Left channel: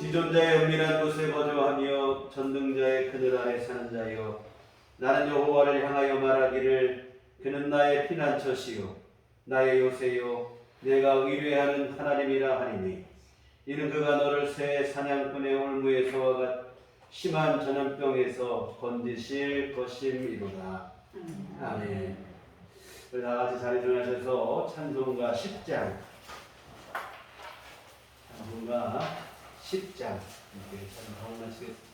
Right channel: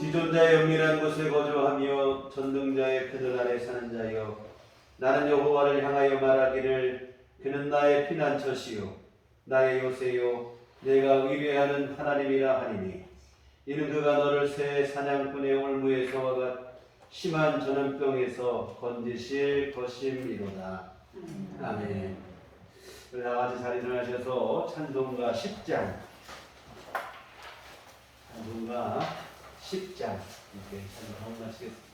지존자의 은밀한 곳에 거주하며 전능자의 그늘 아래 사는 자여, 나는 여호와를 향하여 말하기를 그는 나의 피난처시요 나의 요새요 내가 의뢰하는 하나님이라 하리니, 이는 그가 너를 새 사냥꾼의 올무에서와 심한 전염병에서 건지실 것임이로다. 아멘. 우리 다 같이 자리 일어나셔서 찬송가 10장, 찬송가 10장 이렇게 찬송하고 마치겠습니다.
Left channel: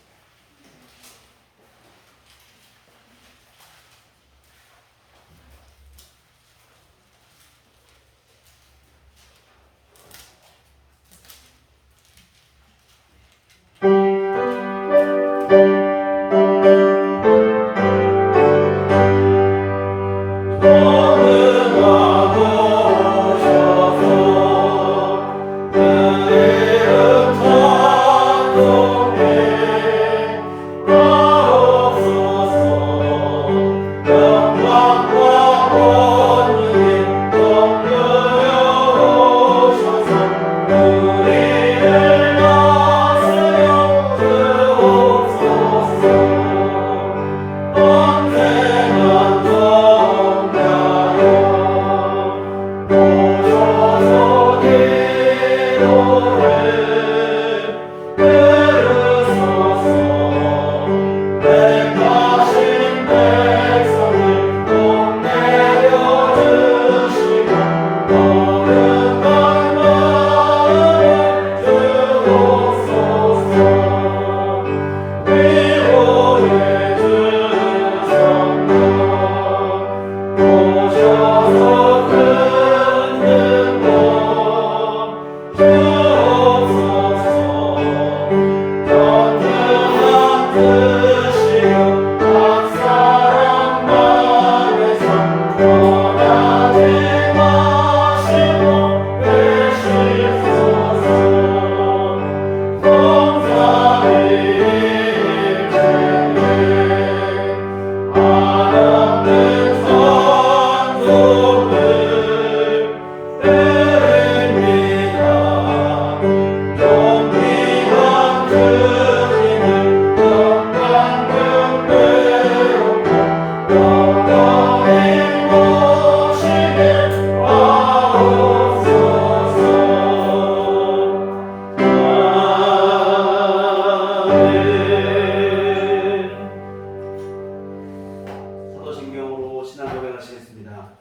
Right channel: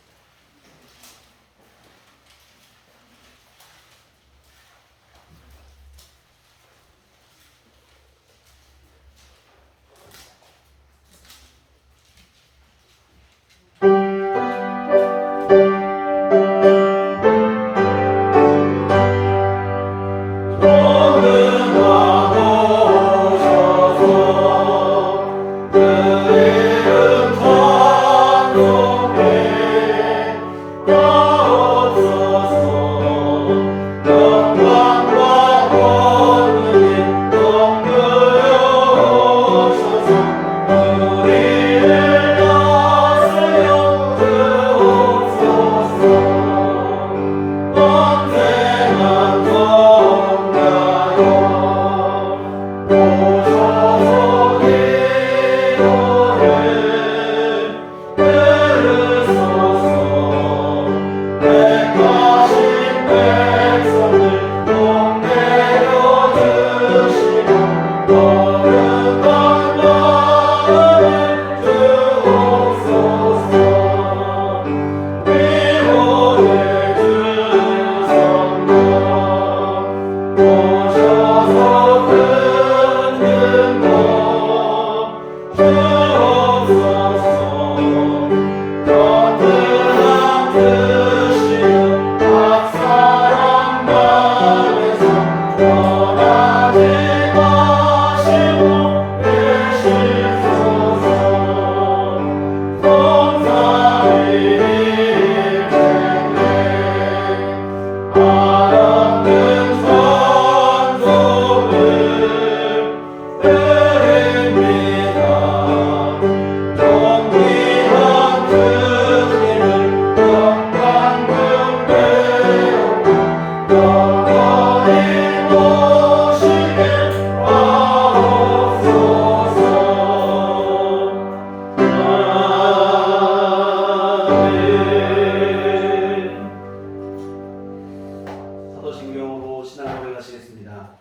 사도신경으로 신앙 고백하시겠습니다.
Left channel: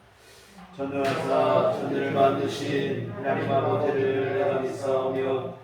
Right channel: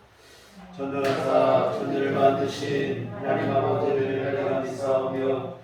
전능하사 천지를 만드신 하나님 아버지를 내가 믿사오며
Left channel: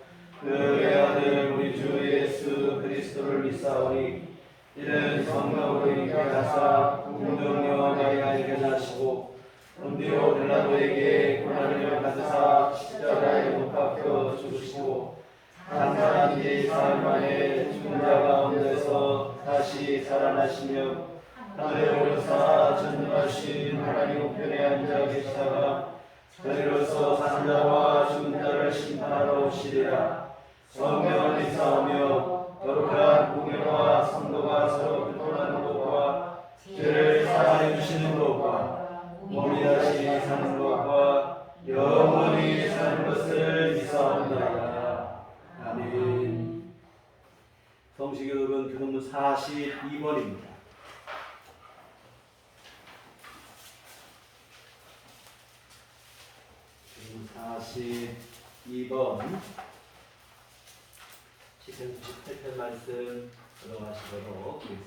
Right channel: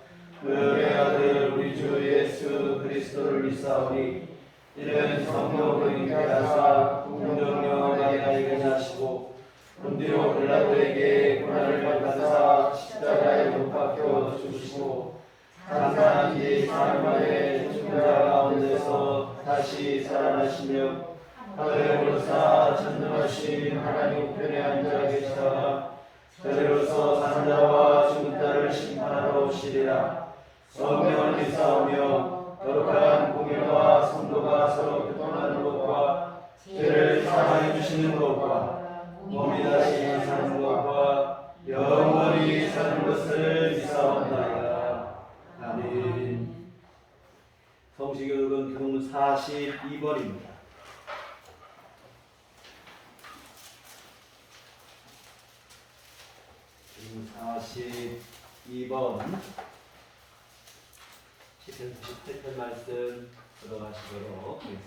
그의 아들 우리 주 예수 그리스도를 믿사오니, 이는 성령으로 잉태하사 동정녀 마리아에게 나시고 본디오 빌라도에게 고난을 받으사 십자가에 못 박혀 죽으시고 장사한 지 사흘 만에 죽은 자 가운데서 다시 살아나시며 하늘에 오르사 전능하신 하나님 우편에 앉아 계시다가 저리로서 산 자와 죽은 자를 심판하러 오시리라. 성령을 믿사오며 거룩한 공일과 성도가 서로 교통하는 것과 죄를 사하여 주시는 것과 몸이 다시 사는 것과 영원히 사는 것을 믿사옵나이다. 아멘. 성시교독은 교독문 42번입니다. 42번 시편 98편 말씀 들어가시도록 하겠습니다.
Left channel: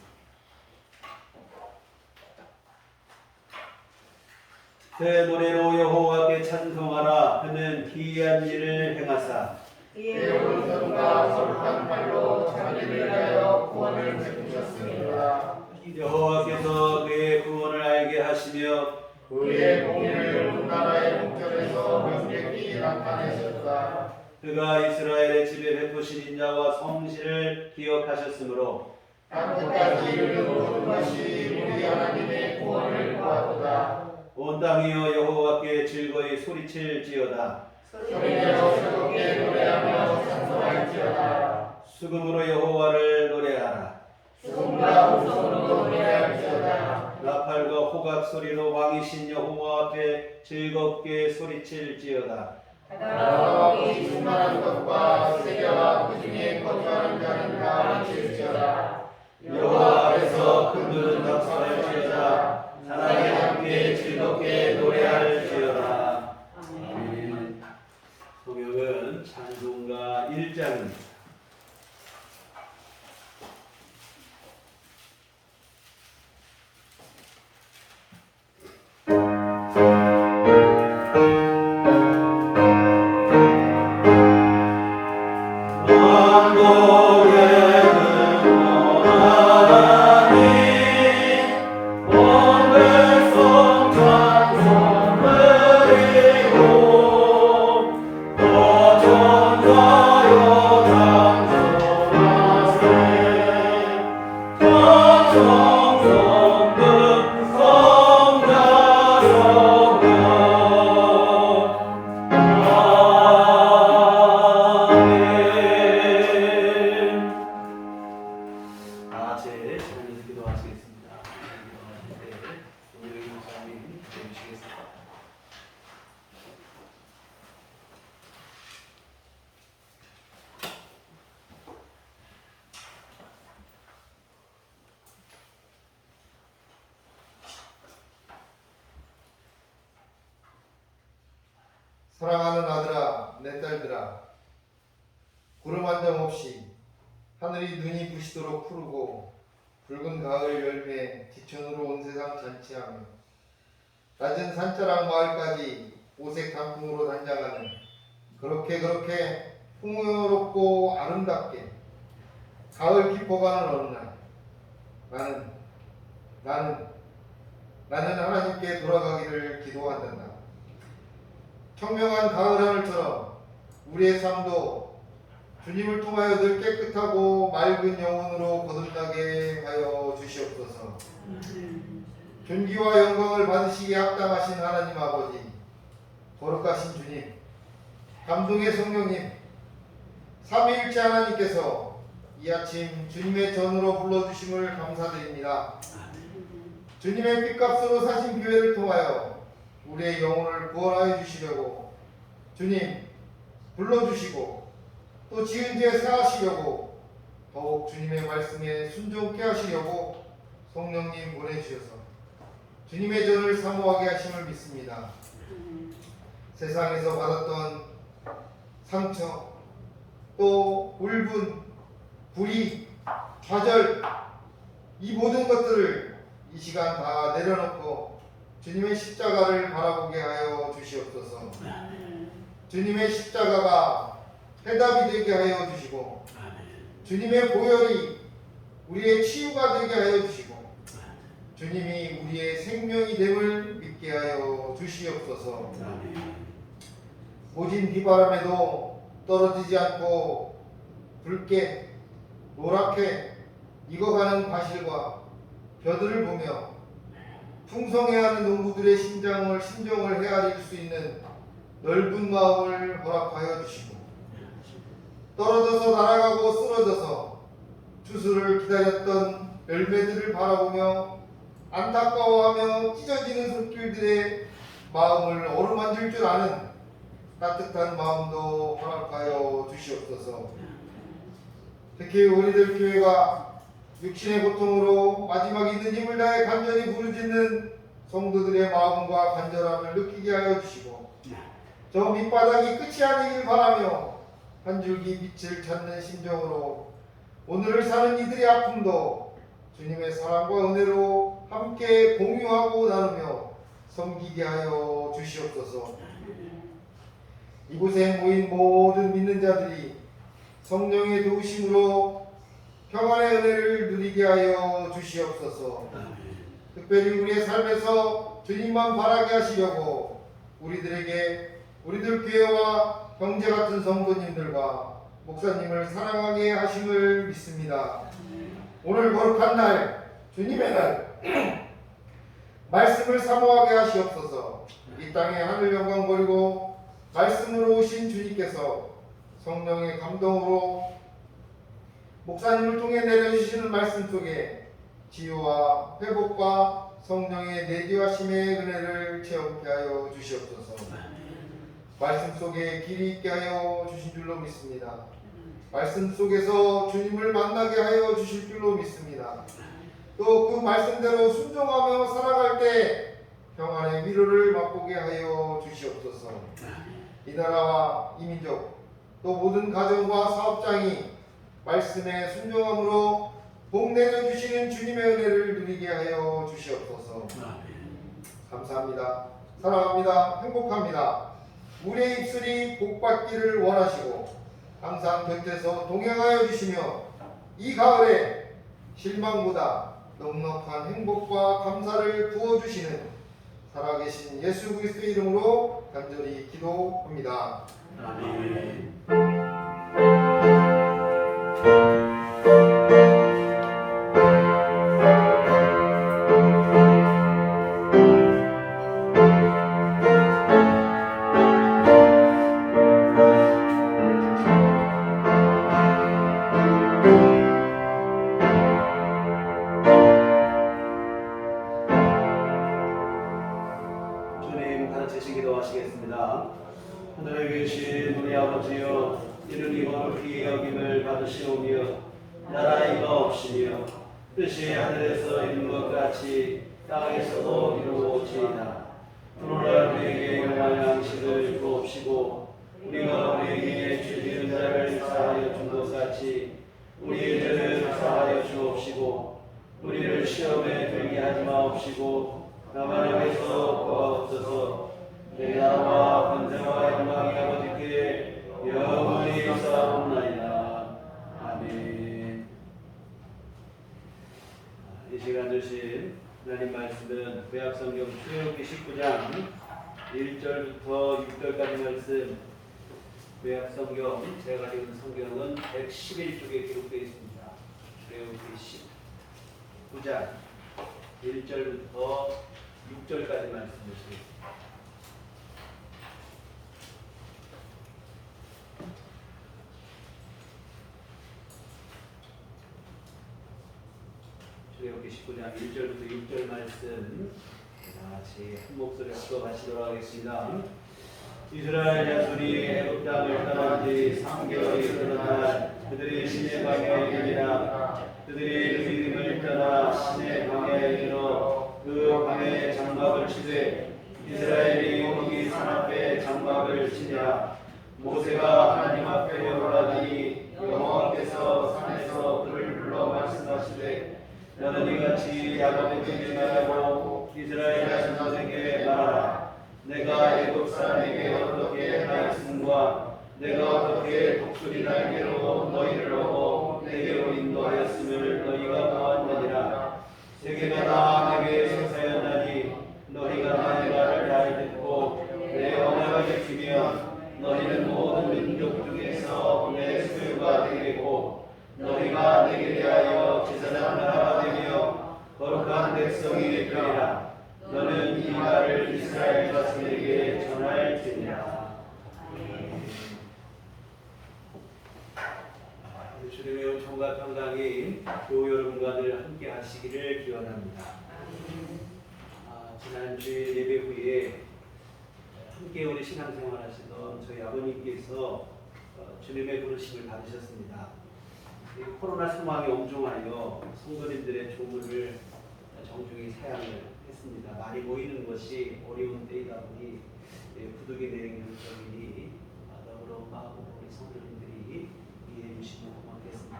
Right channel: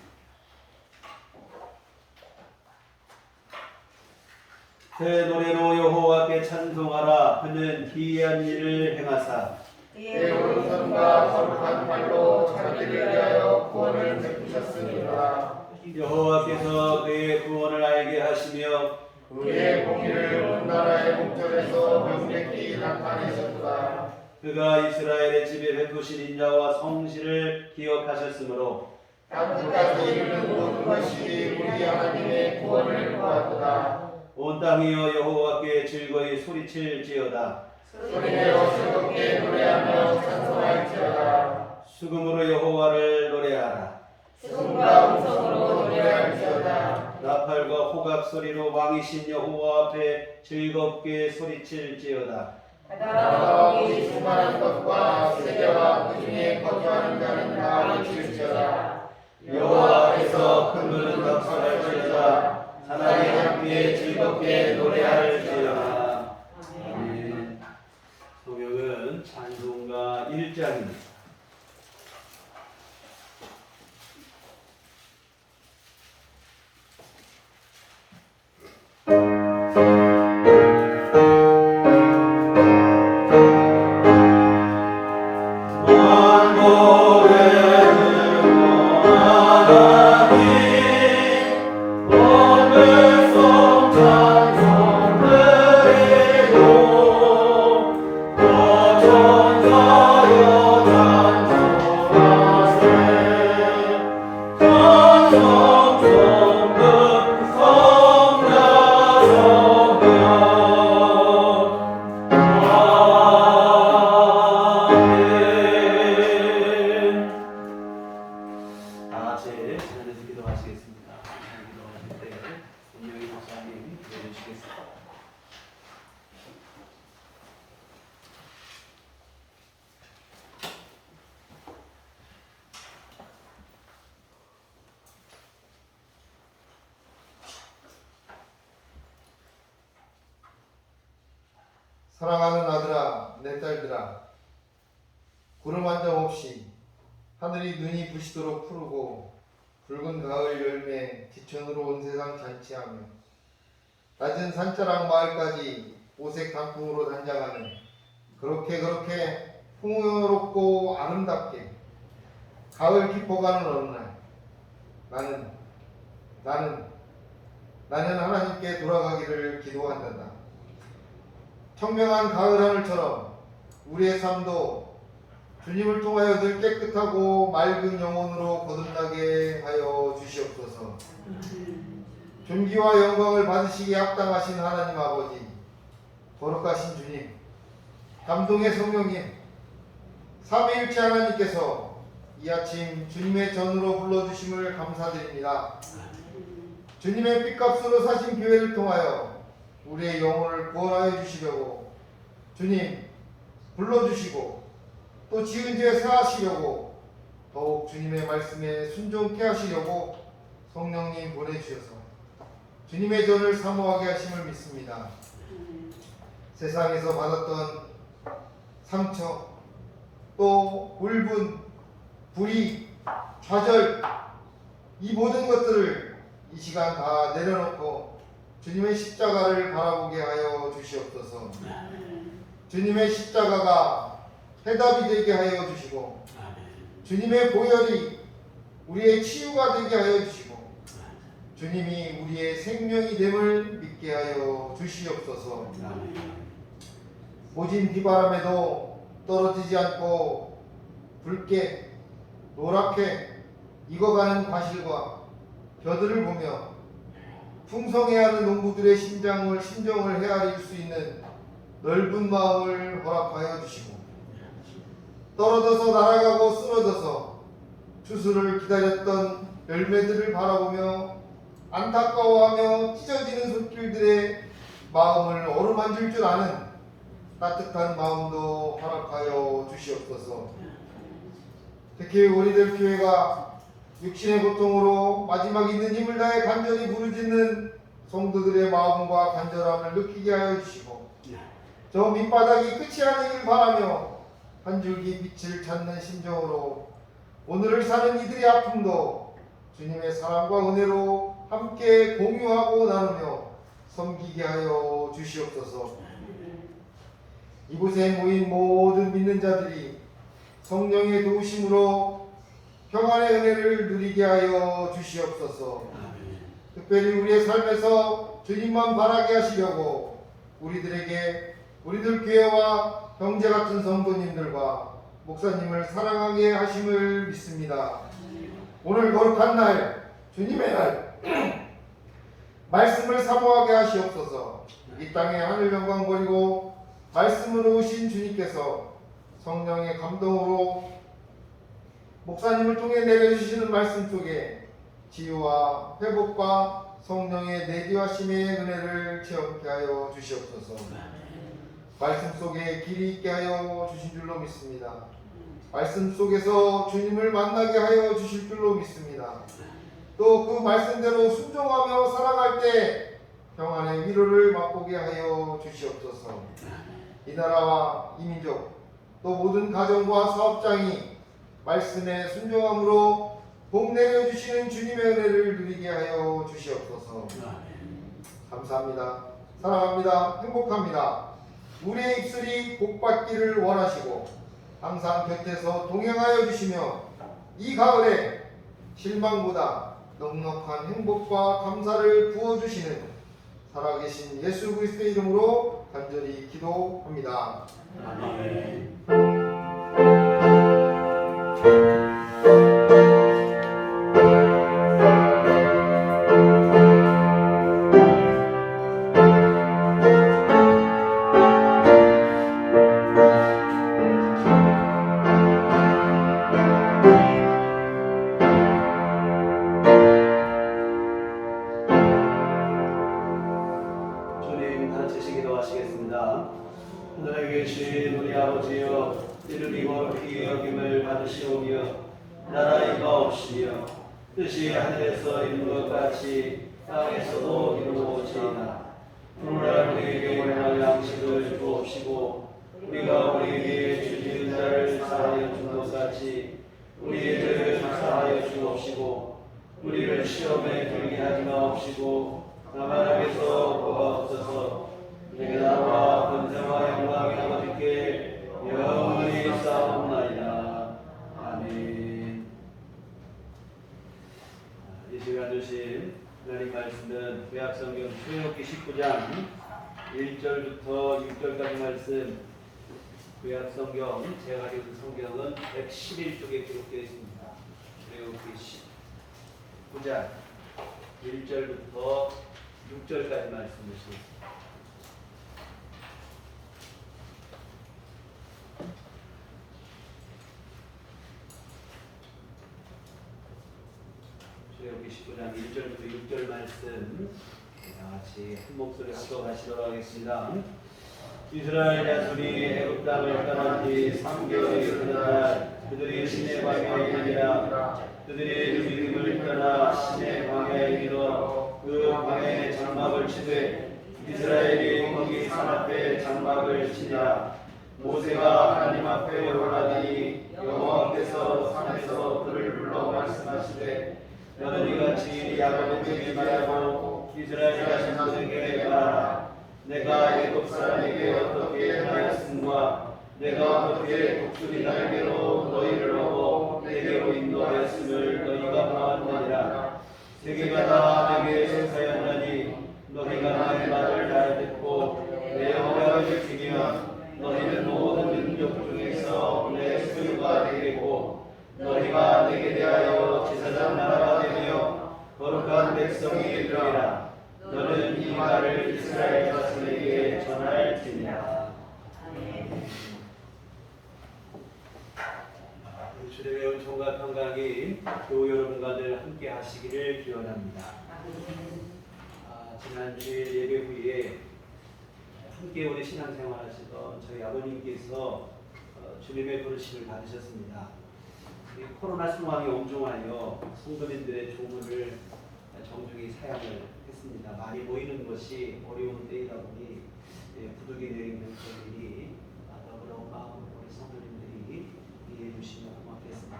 새 노래로 여호와께 찬송하라. 그는 기이한 일을 행하사 그의 오른손과 거룩한 팔로 자기를 위하여 구원을 베푸셨습니다. 여호와께서 그의 구원을 알게 하시며 그의 공의를 온 나라의 목전에서 명백히 나타내셨다. 그가 이스라엘의 집에 베푸신 인자와 성실을 기억하셨으므로 땅끝까지 이르는 모든 것이 우리 하나님의 구원을 보았도다. 온 땅이여 여호와께 즐거이 소리칠지어다. 소리내어 즐겁게 노래하며 찬송할지어다. 수금으로 여호와를 노래하라. 수금과 음성으로 노래할지어다. 나팔과 호각 소리로 왕이신 여호와 앞에 즐겁게 소리칠지어다. 나와 복이 충만한 것과 세대와 그 중에 거주하는 자는 다 외칠지어다. 여호와 앞에서 큰 물은 박수할지어다. 사랑에 함께 즐겁게 노래할지어다. 아멘. 성경은 찬송가 1장입니다. 사랑하는 아들아, 내 딸들아, 구름 한 점 없이 하늘이 눈이 부시도록 푸르고 붉은 가을 열매 지천으로 온 세상 잔치하며 낮은 산자락 마을까지 오색 단풍으로 단장하는 그렇게 풍요롭고 아름답게 가을 깊어가는 어느 날 나는 하나님께 돌아가기를 기도한단다. 청명한 가을 하늘처럼 우리의 삶도 주님을 통하여 늘 깨끗하고 맑은 영혼으로 거듭나게 하여 주시옵소서. 존귀와 영광을 받으시기에 합당하신 하나님 아버지, 거룩하신 주님, 감동의 성령님, 삼위일체 하나님께서 이 아침 주님의 전으로 불러주심을 감사드립니다. 주님의 핏값으로 사신 교회를 통하여 우리의 영혼을 구원하여 주시려고 주님 불러주시고 또 지은 죄 사하시려고 더욱 주님의 말씀에 순종케 하시려고 성령님 보내주셔서 주님의 전을 사모하게 하심을 믿습니다. 세상에서 받았던 상처 또 울분, 불의, 좌절 이 모든 것들을 이 시간 다 내려놓고 주님의 십자가를 바라보게 하여 주시옵소서. 주님의 십자가가 해답이 되게 하여 주시고 주님의 보혈이 우리의 치유가 되게 하여 주시고 주님이 우리의 생명이 됨을 믿게 하여 주시옵소서. 모진 비바람에도 떨어지지 않고 붉게 노랗게 익어가는 과실과 벼들을 보며 풍성해하는 농부들의 심정을 헤아릴 수 있는 넓은 마음을 허락하여 주시고 떨어져서 날아가고 쓰러져서 추수를 기다렸던 열매들을 바라보며 안타까워하며 찢어지는 손길들의 마음을 어루만질 줄 아는 따뜻한 마음도 허락하여 주시옵소서. 특히 우리들 교회가 육신의 고통으로 마지막 있는 힘을 다해 간절히 부르짖는 성도들의 마음과 간절함을 느끼게 하여 주시고 저 밑바닥이 끝이 아니길 바라며 한 줄기 빛을 찾는 심정으로 오늘을 사는 이들의 아픔도 주님의 사랑과 은혜로 함께 공유하고 나누며 섬기게 하여 주시옵소서. 이곳에 모인 모든 믿는 자들이 성령의 도우심으로 평안의 은혜를 누리게 하여 주시옵소서. 특별히 우리의 삶에서 주님만 바라게 하시려고 우리들 교회와 형제 같은 성도님들과 목사님을 사랑하게 하심을 믿습니다. 오늘 거룩한 날, 주님의 날 말씀을 사모하게 하시옵소서. 이 땅에 하늘 영광 버리고 말씀으로 오신 주님께서 성령의 감동으로 목사님을 통해 내려주시는 말씀 속에 치유와 회복과 성령의 내디하심의 은혜를 체험케 하여 주시옵소서. 말씀 속에 길이 있게 하여 주신 줄로 믿습니다. 말씀 속에서 주님을 만나게 하여 주실 줄로 믿습니다. 또 그 말씀대로 순종하며 살아갈 때 평안의 위로를 맛보게 하여 주시옵소서. 이 나라와 이 민족 또 모든 가정과 사업장이 말씀에 순종함으로 복 내려주시는 주님의 은혜를 누리게 하여 주시옵소서. 감사합니다. 사랑합니다. 행복합니다. 우리의 입술이 복받기를 원하시고 항상 곁에서 동행하여 주시며 이 가을에 실망보다 넉넉한 행복과 감사를 부어주시는 살아계신 예수 그리스도의 이름으로 간절히 기도합니다. 아멘. 주님 가르치시 기도하시겠습니다. 하늘에 계신 우리 아버지여, 이름이 거룩히 여김을 받으시오며 나라이가 없으며 뜻이 하늘에서 이룬 것 같이 땅에서도 이루어지이다. 오늘날 우리에게 용할 양식을 주옵시고 우리가 우리에게 주지은 자를 사하여 준 것 같이 우리의 죄를 사하여 주옵시고 우리를 시험에 들게 하지 마옵시고 다만 악에서 구하옵소서. 내 나라와 권세와 영광이 아버지께 영원히 싸움나이다. 아멘. 이 시간 주신 하나님 말씀은 구약성경 출애굽기 19장 1절부터 6절까지 말씀. 구약성경 제가 가지고 있는 성경은 111쪽에 기록되어 있습니다. 출애굽기 19장 1절부터 6절까지 말씀 보시겠습니다. 출애굽기 19장 1절부터 6절 말씀 다 같이 한 목소리 합독하시도록 하겠습니다. 이스라엘 자손이 애굽 땅을 떠난 지 3개월이 되는 날 그들이 시내 광야에 이르니라. 그들이 르비딤을 떠나 시내 광야에 이르러 그 광야에 장막을 치되 이스라엘이 거기 산 앞에 장막을 치니라. 모세가 하나님 앞에 올라가니 여호와께서 산에서 그를 불러 말씀하시되 너는 이같이 야곱의 집에 말하고 이스라엘 자손들에게 말하라. 내가 애굽 사람에게 어떻게 행하였음과 내가 어떻게 독수리 날개로 너희를 얻어 내게로 인도하였음을 너희가 보았느니라. 세계가 다 내게 속하였나니 너희가 나의 말을 잘 듣고 내 언약을 지키면 너희는 모든 민족 중에서 내 소유가 되겠고 너희가 내게 대하여 제사장 나라가 되며 거룩한 백성이 되리라. 너는 이 말을 이스라엘 자손에게 전할지니라. 우리 주님의 은총과 평강이 교우 여러분과들 함께 하시기를 기원합니다. 지난 주일 예배 후에 함께 우리 신앙생활 하시던 저희 아버님께서 주님의 부르심을 받으셨습니다. 이 코로나 상황이 엄중하여 성도님들의 조문을 정중히 사양을 했습니다. 많이 모이는 것이 어려운 때이다 보니 부득이 내린 결정이니 더불어 마음으로 우리 성도님들이 이해해 주시면 고맙겠습니다.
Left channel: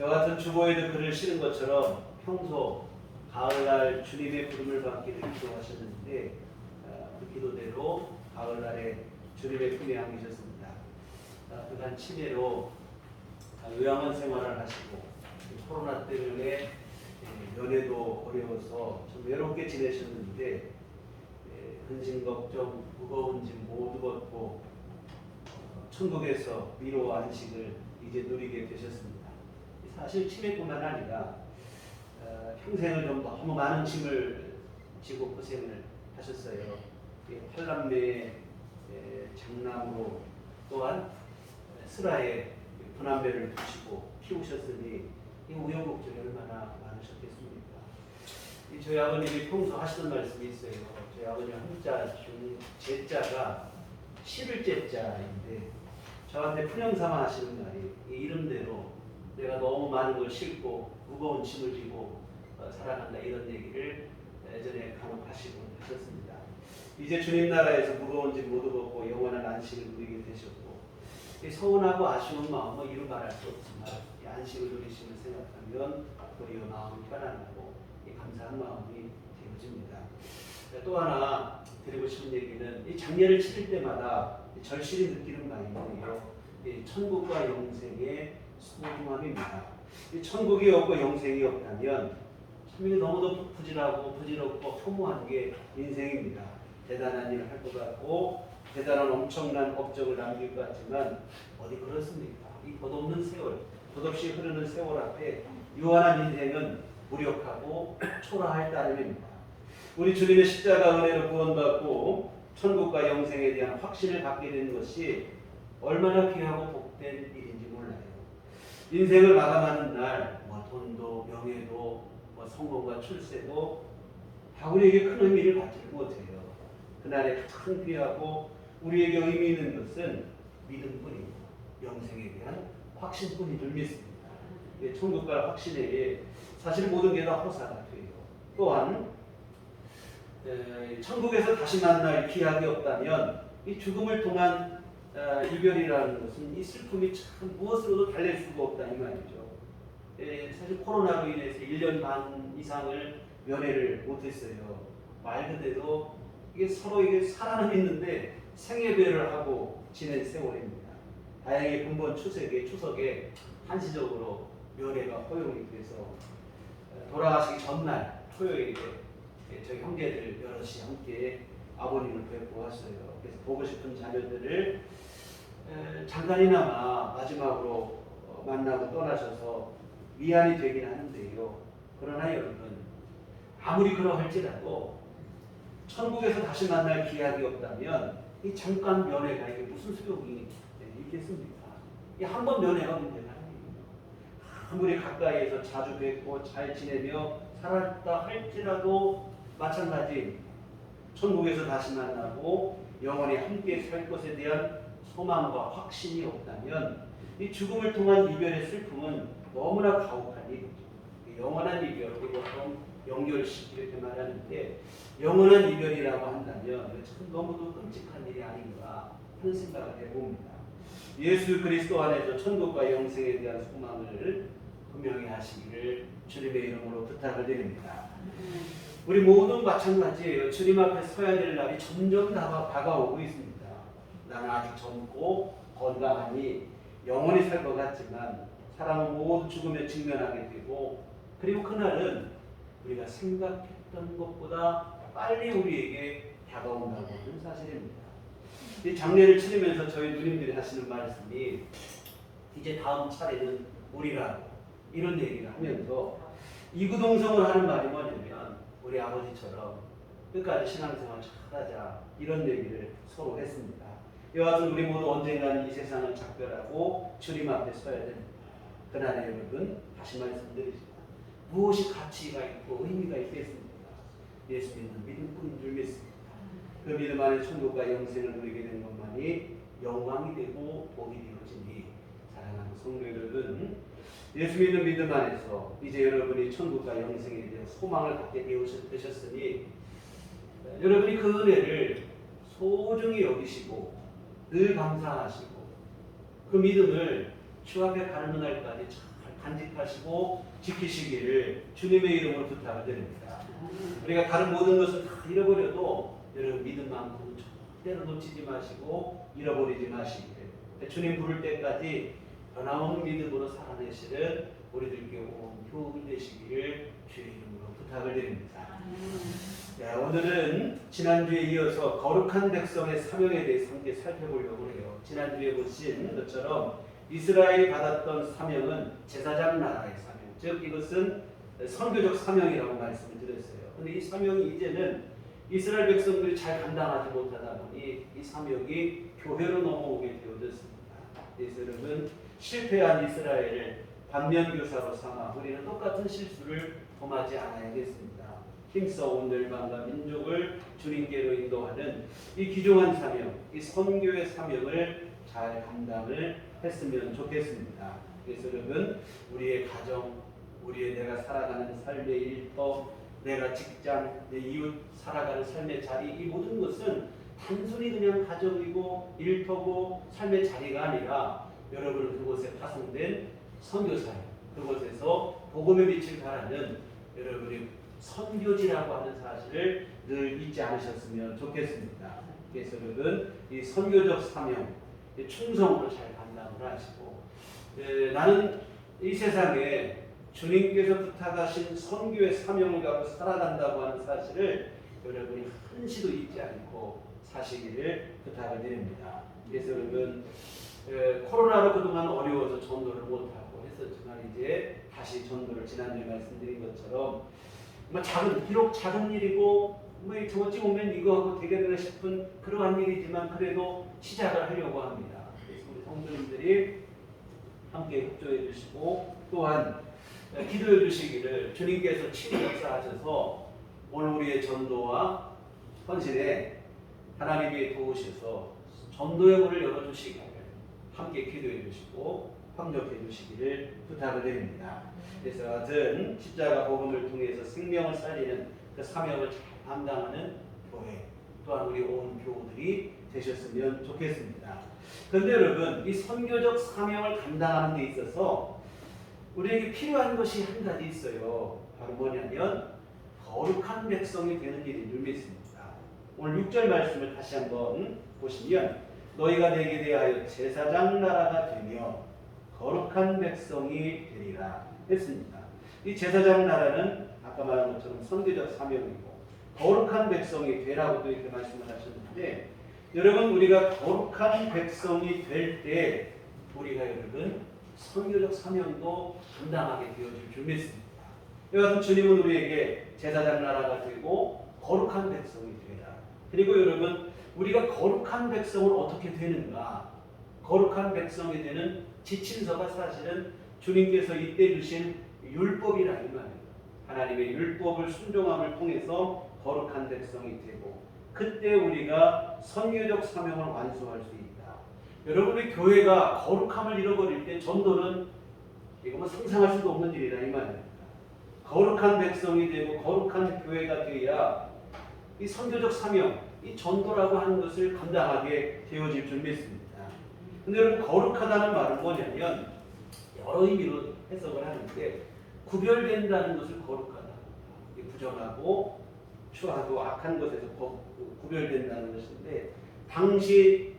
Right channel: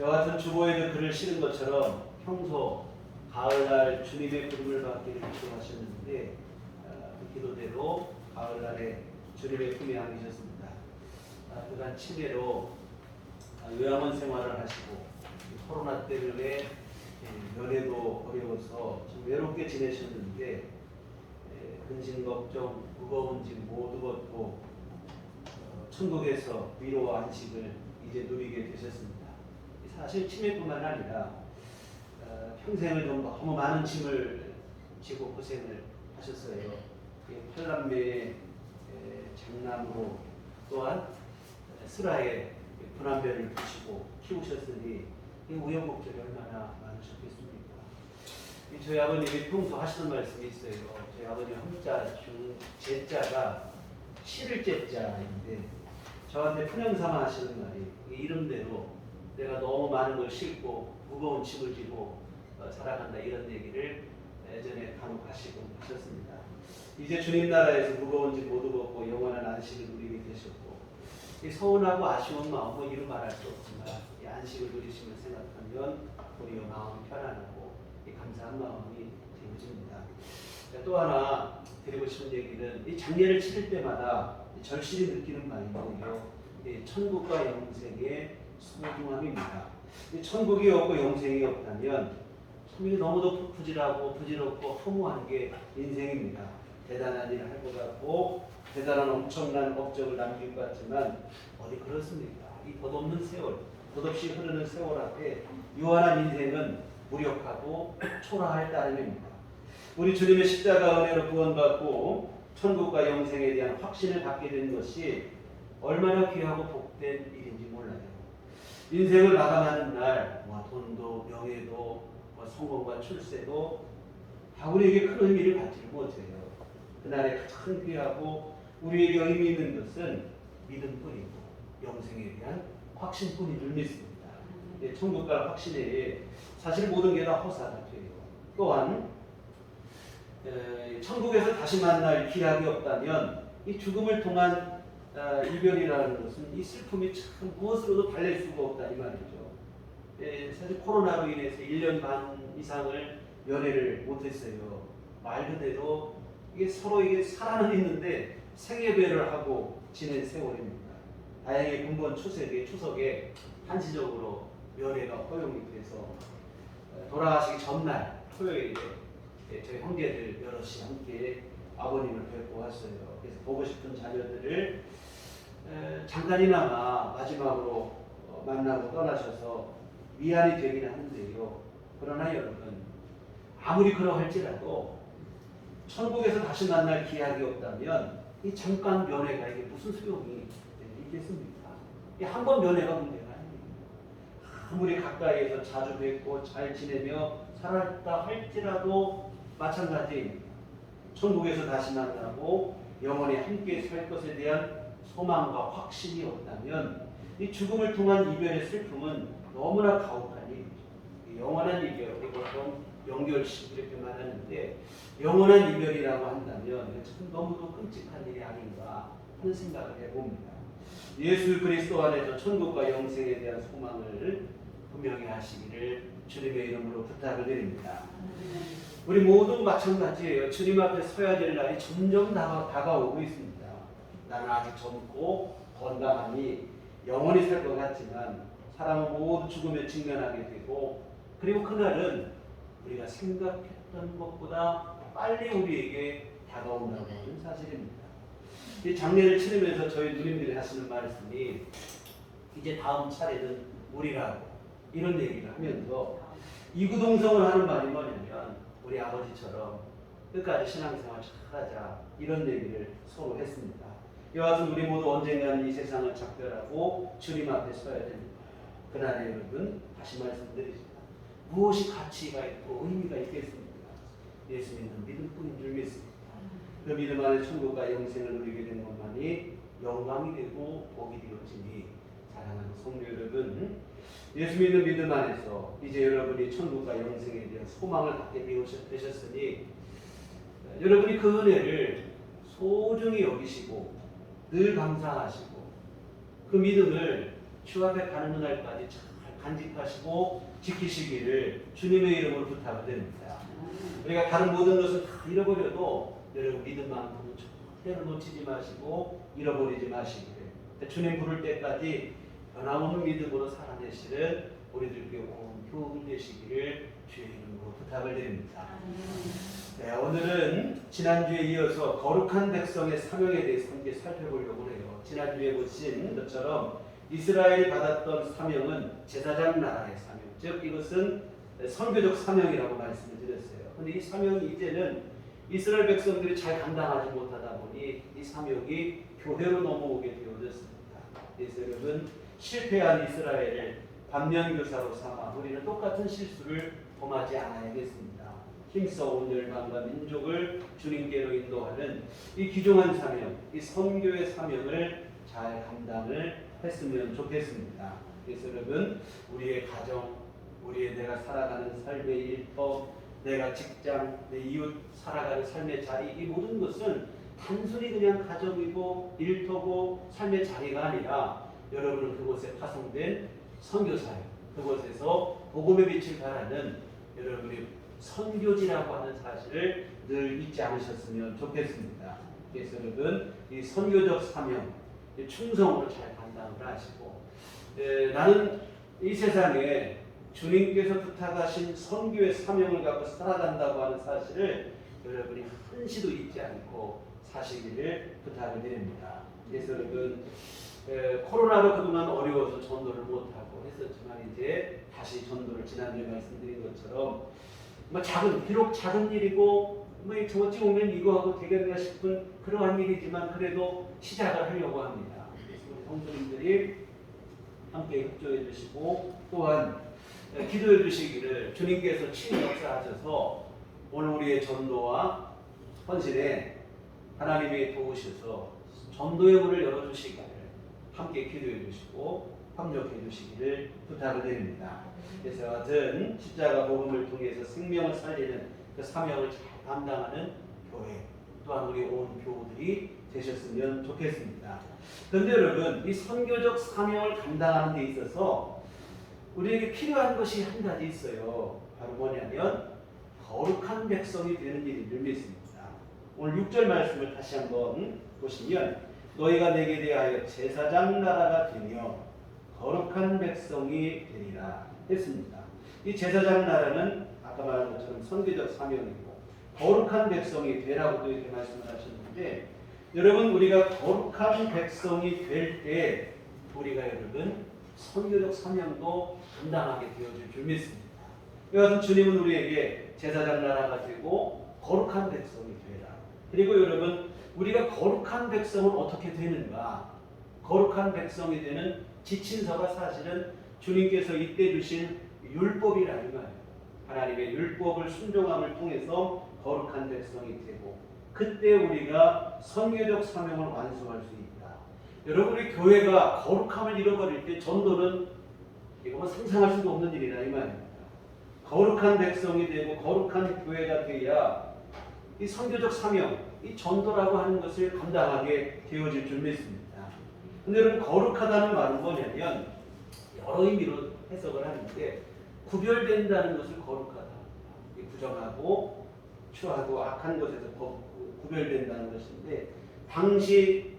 여와 같은 주보에도 글을 실은 것처럼 평소 가을날 주님의 부름을 받기를 기도하셨는데 그 기도대로 가을날에 주님의 품에 안기셨습니다. 그간 치매로 요양원 생활을 하시고 코로나 때문에 연애도 어려워서 좀 외롭게 지내셨는데 근심 걱정 무거운 짐 모두 벗고 천국에서 위로와 안식을 이제 누리게 되셨습니다. 사실 치매뿐만 아니라 평생을 좀 너무 많은 짐을 지고 고생을 하셨어요. 팔남매의 장남으로 또한 슬하에 분한배를 두시고 키우셨으니 이 우여곡절이 얼마나 많으셨겠습니까? 저희 아버님이 평소 하시던 말씀이 있어요. 저희 아버님 한자 중 제자가 실을 째자인데 저한테 푸념삼아 하시는 말이 이 이름대로 내가 너무 많은 걸 싣고 무거운 짐을 지고 살아간다 이런 얘기를 예전에 간혹 하시곤 하셨습니다. 이제 주님 나라에서 무거운 짐 모두 벗고 영원한 안식을 누리게 되셨고 이 서운하고 아쉬운 마음은 이루 말할 수 없지만 이 안식을 누리심을 생각하면 우리의 마음이 편안하고 이 감사한 마음이 되어집니다. 또 하나 드리고 싶은 얘기는 이 장례를 치를 때마다 절실히 느끼는 바인데요. 천국과 영생의 소중함입니다. 이 천국이 없고 영생이 없다면 참 너무도 부질없고 허무한 게 인생입니다. 대단한 일을 할 것 같고 대단한 엄청난 업적을 남길 것 같지만 어디 그렇습니까? 이 덧없는 세월, 덧없이 흐르는 세월 앞에 유한한 인생은 무력하고 초라할 따름입니다. 우리 주님의 십자가 은혜로 구원받고 천국과 영생에 대한 확신을 갖게 된 것이 얼마나 귀하고 복된 일인지 몰라요. 인생을 마감하는 날, 돈도 명예도 성공과 출세도 다 우리에게 큰 의미를 갖지를 못해요. 그날에 가장 귀하고 우리에게 의미 있는 것은 믿음뿐이고 영생에 대한 확신뿐인 줄 믿습니다. 천국 갈 확신에 사실 모든 게 다 허사가 돼요. 또한 천국에서 다시 만날 기약이 없다면 이 죽음을 통한 이별이라는 것은 이 슬픔이 참 무엇으로도 달랠 수가 없다 이 말이죠. 사실 코로나로 인해서 1년 반 이상을 연애를 못했어요. 말 그대로 이게 서로에게 사랑은 있는데 생애배를 하고 지낸 세월입니다. 다행히 근본 추석에 한시적으로 연애가 허용이 돼서 돌아가시기 전날 토요일에 저희 형제들 여럿이 함께 아버님을 뵙고 왔어요. 그래서 보고 싶은 자녀들을 잠깐이나마 마지막으로 만나고 떠나셔서 미안이 되긴 하는데요. 그러나 여러분 아무리 그러할지라도 천국에서 다시 만날 기약이 없다면 이 잠깐 면회가 이게 무슨 소용이 있겠습니까? 이 한 번 면회가 문제가 아닙니다. 아무리 가까이에서 자주 뵙고 잘 지내며 살았다 할지라도 마찬가지입니다. 천국에서 다시 만나고 영원히 함께 살 것에 대한 소망과 확신이 없다면 이 죽음을 통한 이별의 슬픔은 너무나 가혹한 일이죠. 영원한 이별, 보통 영결식 이렇게 말하는데 영원한 이별이라고 한다면 참 너무도 끔찍한 일이 아닌가 하는 생각을 해봅니다. 예수 그리스도 안에서 천국과 영생에 대한 소망을 분명히 하시기를 주님의 이름으로 부탁을 드립니다. 우리 모두 마찬가지예요. 주님 앞에 서야 될 날이 점점 다가오고 있습니다. 나는 아직 젊고 건강하니 영원히 살 것 같지만 사람은 모두 죽음에 직면하게 되고 그리고 그날은 우리가 생각했던 것보다 빨리 우리에게 다가온다는 것은 사실입니다. 이 장례를 치르면서 저희 누님들이 하시는 말씀이 이제 다음 차례는 우리라고 이런 얘기를 하면서 이구동성을 하는 말이 뭐냐면 우리 아버지처럼 끝까지 신앙생활 잘하자 이런 얘기를 서로 했습니다. 이와 같은 우리 모두 언젠가는 이 세상을 작별하고 주님 앞에 서야 됩니다. 그날에 여러분 다시 말씀드리지만 무엇이 가치가 있고 의미가 있겠습니까? 예수 믿는 믿음뿐인 줄 믿습니다. 그 믿음 안에 천국과 영생을 누리게 된 것만이 영광이 되고 복이 되어지니 사랑하는 성도 여러분 예수 믿는 믿음 안에서 이제 여러분이 천국과 영생에 대한 소망을 갖게 되셨으니 여러분이 그 은혜를 소중히 여기시고 늘 감사하시고 그 믿음을 주 앞에 가는 그날까지 잘 간직하시고 지키시기를 주님의 이름으로 부탁을 드립니다. 우리가 다른 모든 것을 다 잃어버려도 여러분 믿음만큼은 절대로 놓치지 마시고 잃어버리지 마시기를 주님 부를 때까지 변함없는 믿음으로 살아내시는 우리들께 온 교훈이 되시기를 주의 이름으로 부탁을 드립니다. 네, 오늘은 지난주에 이어서 거룩한 백성의 사명에 대해서 함께 살펴보려고 해요. 지난주에 보신 것처럼 이스라엘이 받았던 사명은 제사장 나라의 사명, 즉 이것은 선교적 사명이라고 말씀을 드렸어요. 그런데 이 사명이 이제는 이스라엘 백성들이 잘 감당하지 못하다 보니 이 사명이 교회로 넘어오게 되어졌습니다. 그래서 여러분 실패한 이스라엘을 반면교사로 삼아 우리는 똑같은 실수를 범하지 않아야겠습니다. 힘써 온 열방과 민족을 주님께로 인도하는 이 귀중한 사명, 이 선교의 사명을 잘 감당을 했으면 좋겠습니다. 그래서 여러분, 우리의 가정, 우리의 내가 살아가는 삶의 일터, 내가 직장, 내 이웃 살아가는 삶의 자리, 이 모든 것은 단순히 그냥 가정이고 일터고 삶의 자리가 아니라 여러분은 그곳에 파송된 선교사예요. 그곳에서 복음의 빛을 발하는 여러분의 선교지라고 하는 사실을 늘 잊지 않으셨으면 좋겠습니다. 그래서 여러분, 이 선교적 사명, 충성으로 잘 감당을 하시고, 나는 이 세상에 주님께서 부탁하신 선교의 사명을 갖고 살아간다고 하는 사실을 여러분이 한시도 잊지 않고 사시기를 부탁을 드립니다. 그래서 여러분, 코로나로 그동안 어려워서 전도를 못하고 했었지만 이제 다시 전도를 지난주에 말씀드린 것처럼 비록 작은 일이고 어찌 보면 이거 하고 되겠나 싶은 그러한 일이지만 그래도 시작을 하려고 합니다. 그래서 우리 성도님들이 함께 협조해 주시고 또한 기도해 주시기를 주님께서 친히 역사하셔서 오늘 우리의 전도와 헌신에 하나님이 도우셔서 전도의 문을 열어주시기를 함께 기도해 주시고 협력해 주시기를 부탁을 드립니다. 그래서 하여튼 십자가 복음을 통해서 생명을 살리는 그 사명을 잘 감당하는 교회 또한 우리 온 교우들이 되셨으면 좋겠습니다. 그런데 여러분, 이 선교적 사명을 감당하는 데 있어서 우리에게 필요한 것이 한 가지 있어요. 바로 뭐냐면 거룩한 백성이 되는 일인 줄 믿습니다. 오늘 6절 말씀을 다시 한번 보시면 너희가 내게 대하여 제사장 나라가 되며 거룩한 백성이 되리라 했습니다. 이 제사장 나라는 아까 말한 것처럼 선교적 사명이고 거룩한 백성이 되라고도 이렇게 말씀을 하셨는데 여러분, 우리가 거룩한 백성이 될 때 우리가 여러분 선교적 사명도 감당하게 되어질 줄 믿습니다. 여하튼 주님은 우리에게 제사장 나라가 되고 거룩한 백성이 되라. 그리고 여러분, 우리가 거룩한 백성은 어떻게 되는가? 거룩한 백성이 되는 지침서가 사실은 주님께서 이때 주신 율법이라 이 말이에요. 하나님의 율법을 순종함을 통해서 거룩한 백성이 되고 그때 우리가 선교적 사명을 완수할 수 있다. 여러분, 우리 교회가 거룩함을 잃어버릴 때 전도는 이거 상상할 수도 없는 일이라 이 말입니다. 거룩한 백성이 되고 거룩한 교회가 되어야 이 선교적 사명, 이 전도라고 하는 것을 감당하게 되어질 줄 믿습니다. 근데 여러분, 거룩하다는 말은 뭐냐면 여러 의미로 해석을 하는데 구별된다는 것을 거룩하다. 부정하고 추하고 악한 것에서 구별된다는 것인데 당시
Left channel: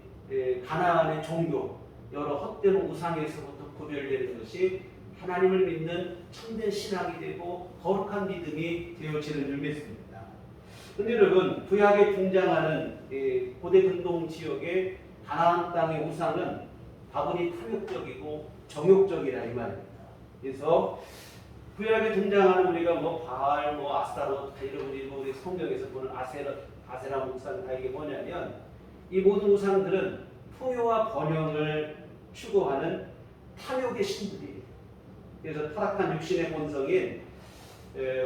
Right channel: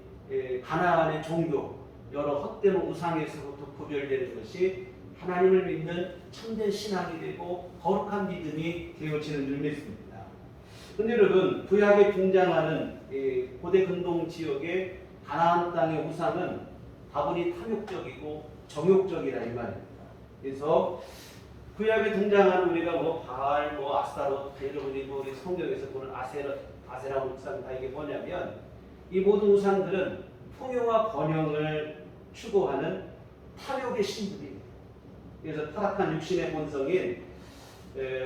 가나안의 종교 여러 헛된 우상에서부터 구별되는 것이 하나님을 믿는 참된 신앙이 되고 거룩한 믿음이 되어지는 줄 믿습니다. 그런데 여러분, 구약에 등장하는 고대 근동 지역의 가나안 땅의 우상은 다분히 탐욕적이고 정욕적이라 이 말입니다. 그래서 구약에 등장하는 우리가 바알, 아스타롯, 여러분이 우리 성경에서 보는 아세라 우상 다 이게 뭐냐면 이 모든 우상들은 풍요와 번영을 추구하는 탐욕의 신들이에요. 그래서 타락한 육신의 본성인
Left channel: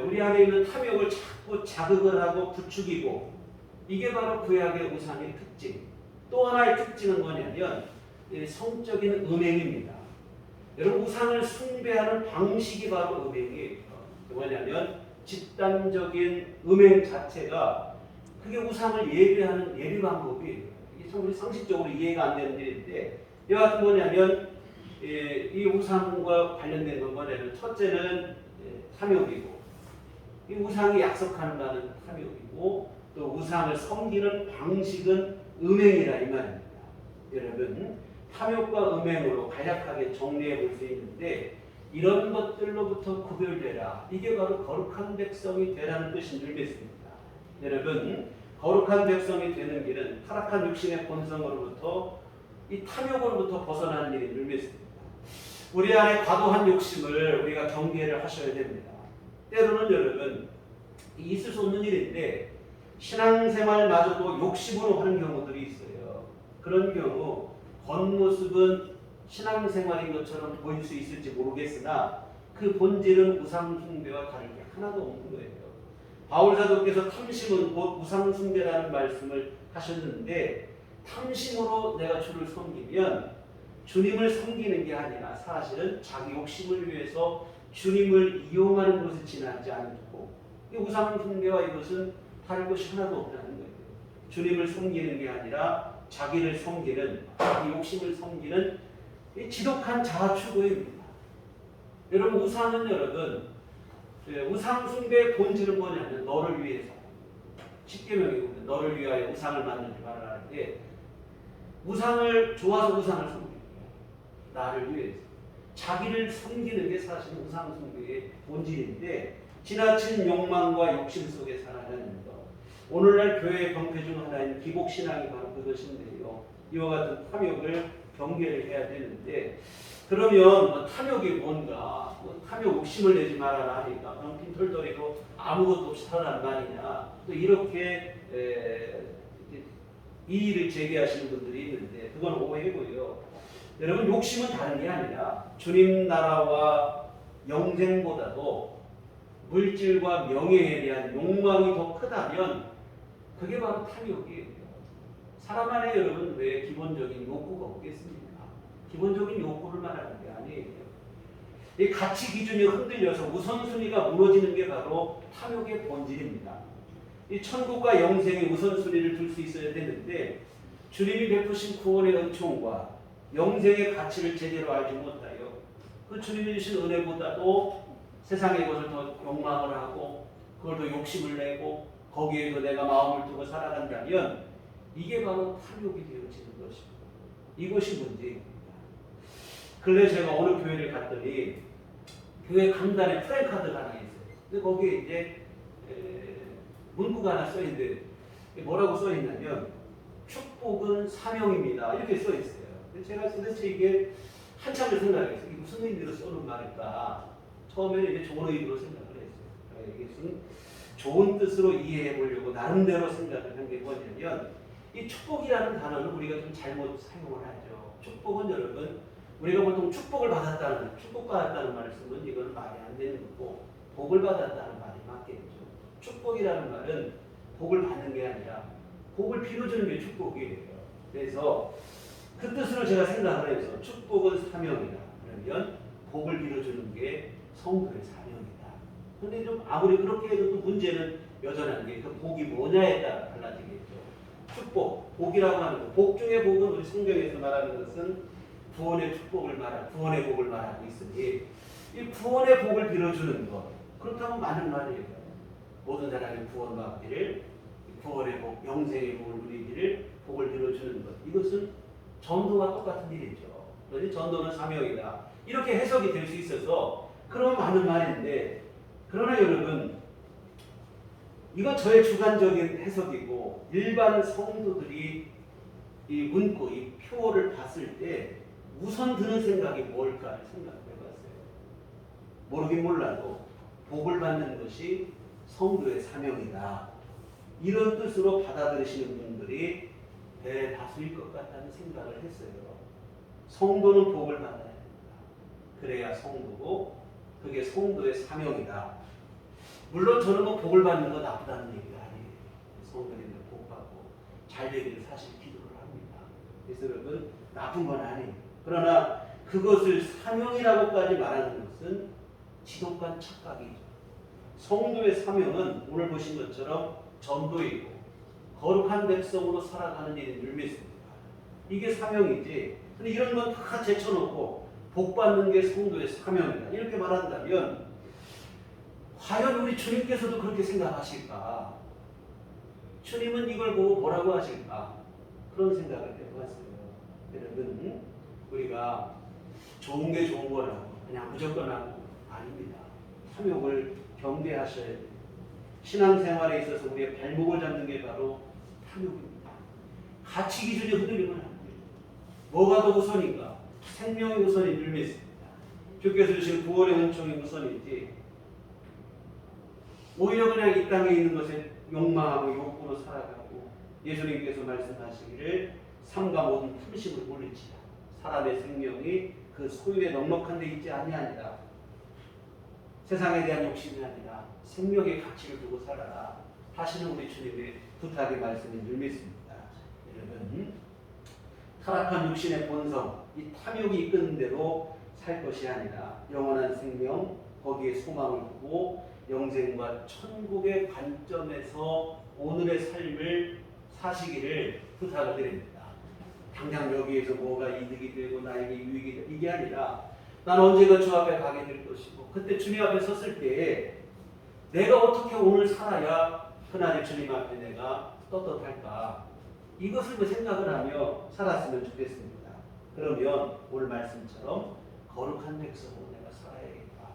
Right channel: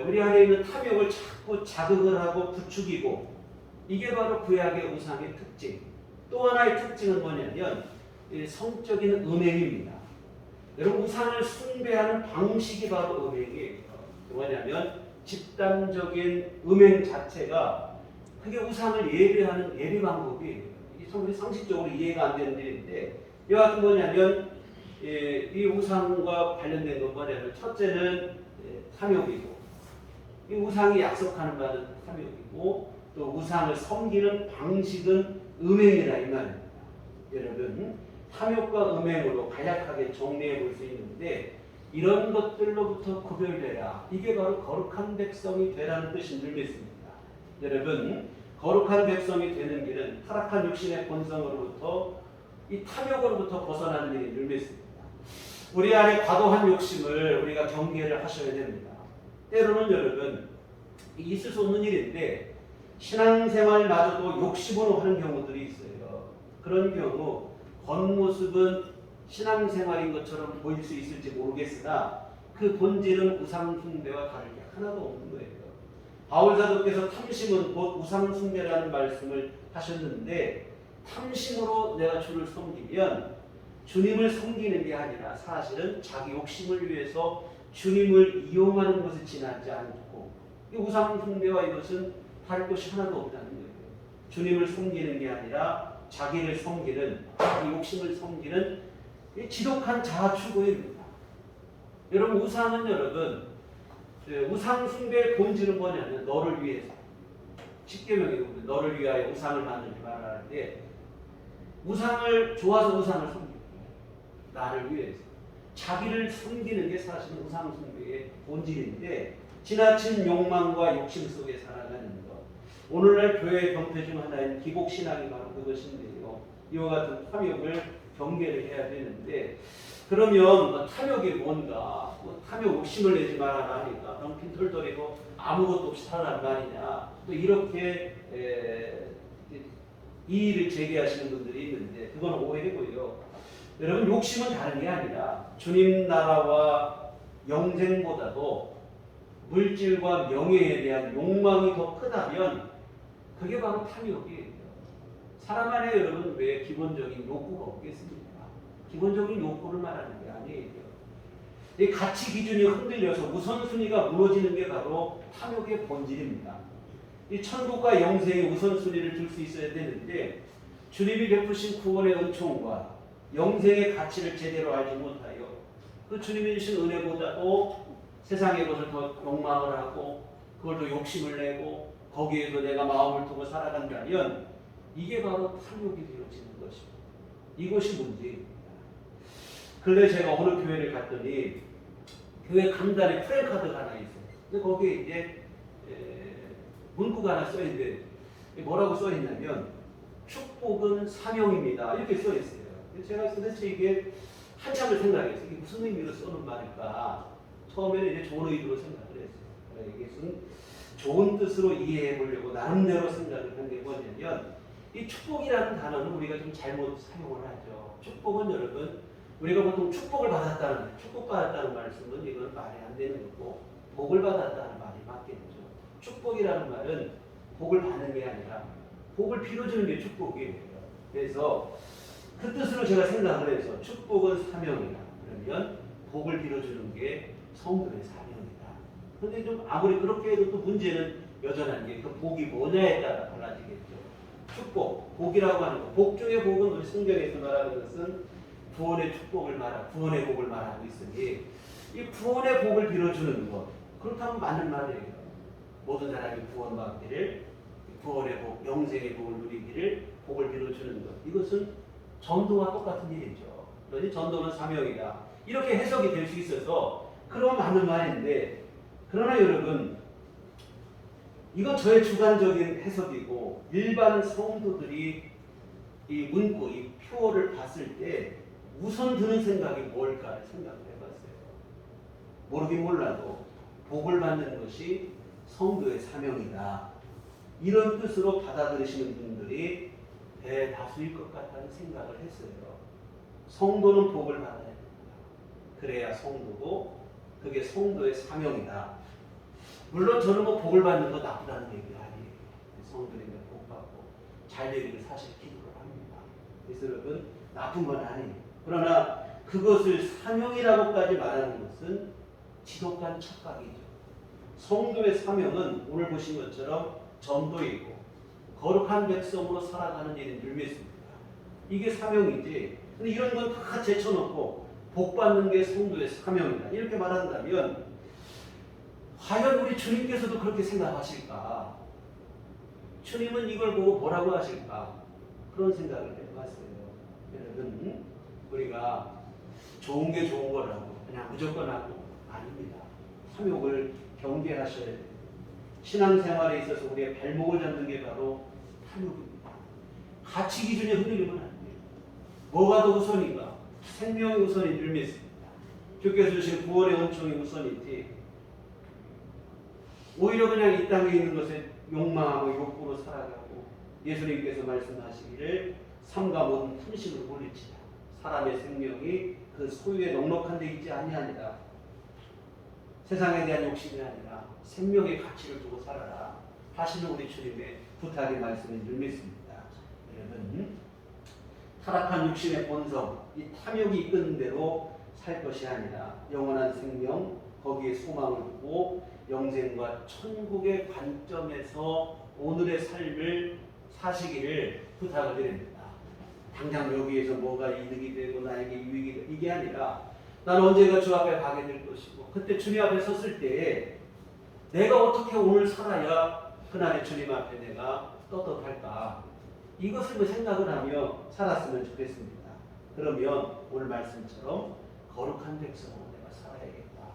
우리 안에 있는 탐욕을 자꾸 자극을 하고 부추기고 이게 바로 구약의 우상의 특징. 또 하나의 특징은 뭐냐면 성적인 음행입니다. 여러분, 우상을 숭배하는 방식이 바로 음행이에요. 뭐냐면 집단적인 음행 자체가 그게 우상을 예배하는 예배 방법이에요. 이게 참 우리 상식적으로 이해가 안 되는 일인데 여하튼 뭐냐면 이 우상과 관련된 건 뭐냐면 첫째는 탐욕이고 이 우상이 약속하는 바는 탐욕이고 또 우상을 섬기는 방식은 음행이라 이 말입니다. 여러분, 탐욕과 음행으로 간략하게 정리해 볼 수 있는데 이런 것들로부터 구별되라. 이게 바로 거룩한 백성이 되라는 뜻인 줄 믿습니다. 여러분, 거룩한 백성이 되는 길은 타락한 육신의 본성으로부터 이 탐욕으로부터 벗어나는 일인 줄 믿습니다. 우리 안에 과도한 욕심을 우리가 경계를 하셔야 됩니다. 때로는 여러분, 있을 수 없는 일인데 신앙생활마저도 욕심으로 하는 경우들이 있어요. 그런 경우 겉모습은 신앙생활인 것처럼 보일 수 있을지 모르겠으나 그 본질은 우상 숭배와 다를 게 하나도 없는 거예요. 바울 사도께서 탐심은 곧 우상 숭배라는 말씀을 하셨는데, 탐심으로 내가 주를 섬기면 주님을 섬기는 게 아니라 사실은 자기 욕심을 위해서 주님을 이용하는 것에 지나지 않고, 이 우상 숭배와 이것은 다를 것이 하나도 없다는 거예요. 주님을 섬기는 게 아니라 자기를 섬기는, 자기 욕심을 섬기는 지독한 자아 추구입니다. 여러분, 우상은 여러분, 우상 숭배의 본질은 뭐냐면 너를 위해서, 십계명에 보면 너를 위하여 우상을 만들지 말아라 하는데, 우상을 좋아서 우상을 섬깁니다. 나를 위해서 자기를 섬기는 게 사실은 우상 숭배의 본질인데, 지나친 욕망과 욕심 속에 살아가는 것, 오늘날 교회의 병폐 중 하나인 기복신앙이 바로 그것인데요. 이와 같은 탐욕을 경계를 해야 되는데, 그러면 탐욕이 뭔가, 탐욕 욕심을 내지 말아라 하니까 병핀 털털이로 아무것도 없이 살아란 말이냐, 또 이렇게 이의를 제기하시는 분들이 있는데, 그건 오해고요. 여러분, 욕심은 다른 게 아니라 주님 나라와 영생보다도 물질과 명예에 대한 욕망이 더 크다면 그게 바로 탐욕이에요. 사람 안에 여러분 왜 기본적인 욕구가 없겠습니까? 기본적인 욕구를 말하는 게 아니에요. 이 가치 기준이 흔들려서 우선순위가 무너지는 게 바로 탐욕의 본질입니다. 이 천국과 영생의 우선순위를 둘 수 있어야 되는데, 주님이 베푸신 구원의 은총과 영생의 가치를 제대로 알지 못하여 그 주님이 주신 은혜보다도 세상의 것을 더 욕망을 하고 그걸 더 욕심을 내고 거기에도 내가 마음을 두고 살아간다면 이게 바로 탐욕이 되어지는 것이고, 이것이 문제입니다. 근래 제가 어느 교회를 갔더니 교회 간단히 프랜카드가 하나 있어요. 근데 거기에 이제 문구가 하나 써있는데 뭐라고 써있냐면 축복은 사명입니다, 이렇게 써있어요. 제가 도대체 이게 한참을 생각했어요. 이게 무슨 의미로 써는 말일까? 처음에는 이제 좋은 의도로 생각을 했어요. 이게 좋은 뜻으로 이해해 보려고 나름대로 생각을 한 게 뭐냐면, 이 축복이라는 단어는 우리가 좀 잘못 사용을 하죠. 축복은 여러분, 우리가 보통 축복을 받았다는, 축복받았다는 말씀은 이거는 말이 안 되는 거고, 복을 받았다는 말이 맞겠죠. 축복이라는 말은 복을 받는 게 아니라 복을 빌어주는 게 축복이에요. 그래서 그 뜻으로 제가 생각을 해서 축복은 사명이다. 그러면 복을 빌어주는 게 성도의 사명이다. 근데 좀 아무리 그렇게 해도 또 문제는 여전한 게 그 복이 뭐냐에 따라 달라지겠죠. 축복, 복이라고 하는 것, 복 중에 복은 우리 성경에서 말하는 것은 구원의 축복을 구원의 복을 말하고 있으니, 이 구원의 복을 빌어주는 것, 그렇다면 맞는 말이에요. 모든 사람이 구원받기를, 구원의 복, 영생의 복을 누리기를 복을 빌어주는 것, 이것은 전도와 똑같은 일이죠. 그러니 전도는 사명이다, 이렇게 해석이 될 수 있어서 그러면 맞는 말인데, 그러나 여러분, 이건 저의 주관적인 해석이고, 일반 성도들이 이 문구, 이 표어를 봤을 때 우선 드는 생각이 뭘까를 생각해 봤어요. 모르긴 몰라도 복을 받는 것이 성도의 사명이다, 이런 뜻으로 받아들이시는 분들이 대다수일 것 같다는 생각을 했어요. 성도는 복을 받아야 된다. 그래야 성도고, 그게 성도의 사명이다. 물론 저는 뭐 복을 받는 거 나쁘다는 얘기가 아니에요. 성도들이 복 받고 잘 되기를 사실 기도를 합니다. 그래서 여러분, 나쁜 건 아니에요. 그러나 그것을 사명이라고까지 말하는 것은 지독한 착각이죠. 성도의 사명은 오늘 보신 것처럼 전도이고 거룩한 백성으로 살아가는 일인 줄 믿습니다. 이게 사명이지. 근데 이런 건 다 제쳐놓고 복 받는 게 성도의 사명이다, 이렇게 말한다면 과연 우리 주님께서도 그렇게 생각하실까? 주님은 이걸 보고 뭐라고 하실까? 그런 생각을 해봤어요. 여러분, 우리가 좋은 게 좋은 거라고 그냥 무조건 하고 아닙니다. 탐욕을 경계하셔야 돼요. 신앙생활에 있어서 우리의 발목을 잡는 게 바로 탐욕입니다. 가치 기준이 흔들리면 안 돼요. 뭐가 더 우선인가? 생명이 우선인 줄 믿습니다. 주께서 주신 구원의 은총이 우선이지, 오히려 그냥 이 땅에 있는 것에 욕망하고 욕구로 살아가고, 예수님께서 말씀하시기를 삼가 모든 탐심을 물리치라. 사람의 생명이 그 소유에 넉넉한 데 있지 아니하니라. 세상에 대한 욕심이 아니라 생명의 가치를 두고 살아라 하시는 우리 주님의 부탁의 말씀인 줄 믿습니다. 여러분, 타락한 육신의 본성, 이 탐욕이 이끄는 대로 살 것이 아니라 영원한 생명, 거기에 소망을 두고 영생과 천국의 관점에서 오늘의 삶을 사시기를 부탁을 드립니다. 당장 여기에서 뭐가 이득이 되고 나에게 유익이 되고 이게 아니라 나는 언젠가 주 앞에 가게 될 것이고 그때 주님 앞에 섰을 때 내가 어떻게 오늘 살아야 그날의 주님 앞에 내가 떳떳할까, 이것을 생각을 하며 살았으면 좋겠습니다. 그러면 오늘 말씀처럼 거룩한 백성으로 내가 살아야겠다,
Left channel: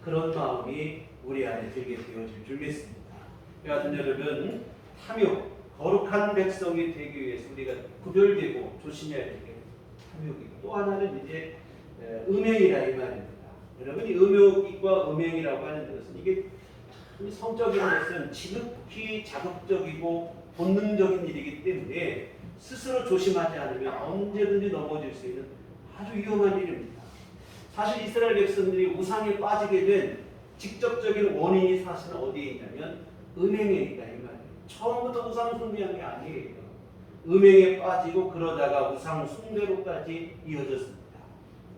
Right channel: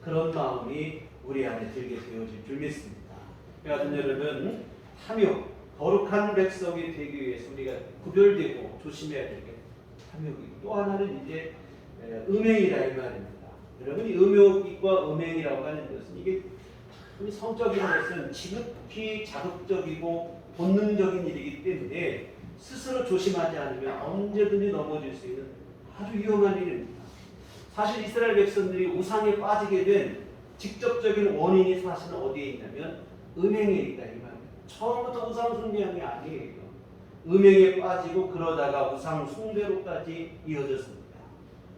그런 마음이 우리 안에 들게 되어질 줄 믿습니다. 여하튼 여러분, 탐욕, 거룩한 백성이 되기 위해서 우리가 구별되고 조심해야 될 게 탐욕이고, 또 하나는 이제 음행이라 이 말입니다. 여러분이 음욕과 음행이라고 하는 것은 이게 성적인 것은 지극히 자극적이고 본능적인 일이기 때문에 스스로 조심하지 않으면 언제든지 넘어질 수 있는 아주 위험한 일입니다. 사실 이스라엘 백성들이 우상에 빠지게 된 직접적인 원인이 사실은 어디에 있냐면 음행에 있다 이 말이에요. 처음부터 우상 숭배한 게 아니에요. 음행에 빠지고 그러다가 우상 숭배로까지 이어졌습니다.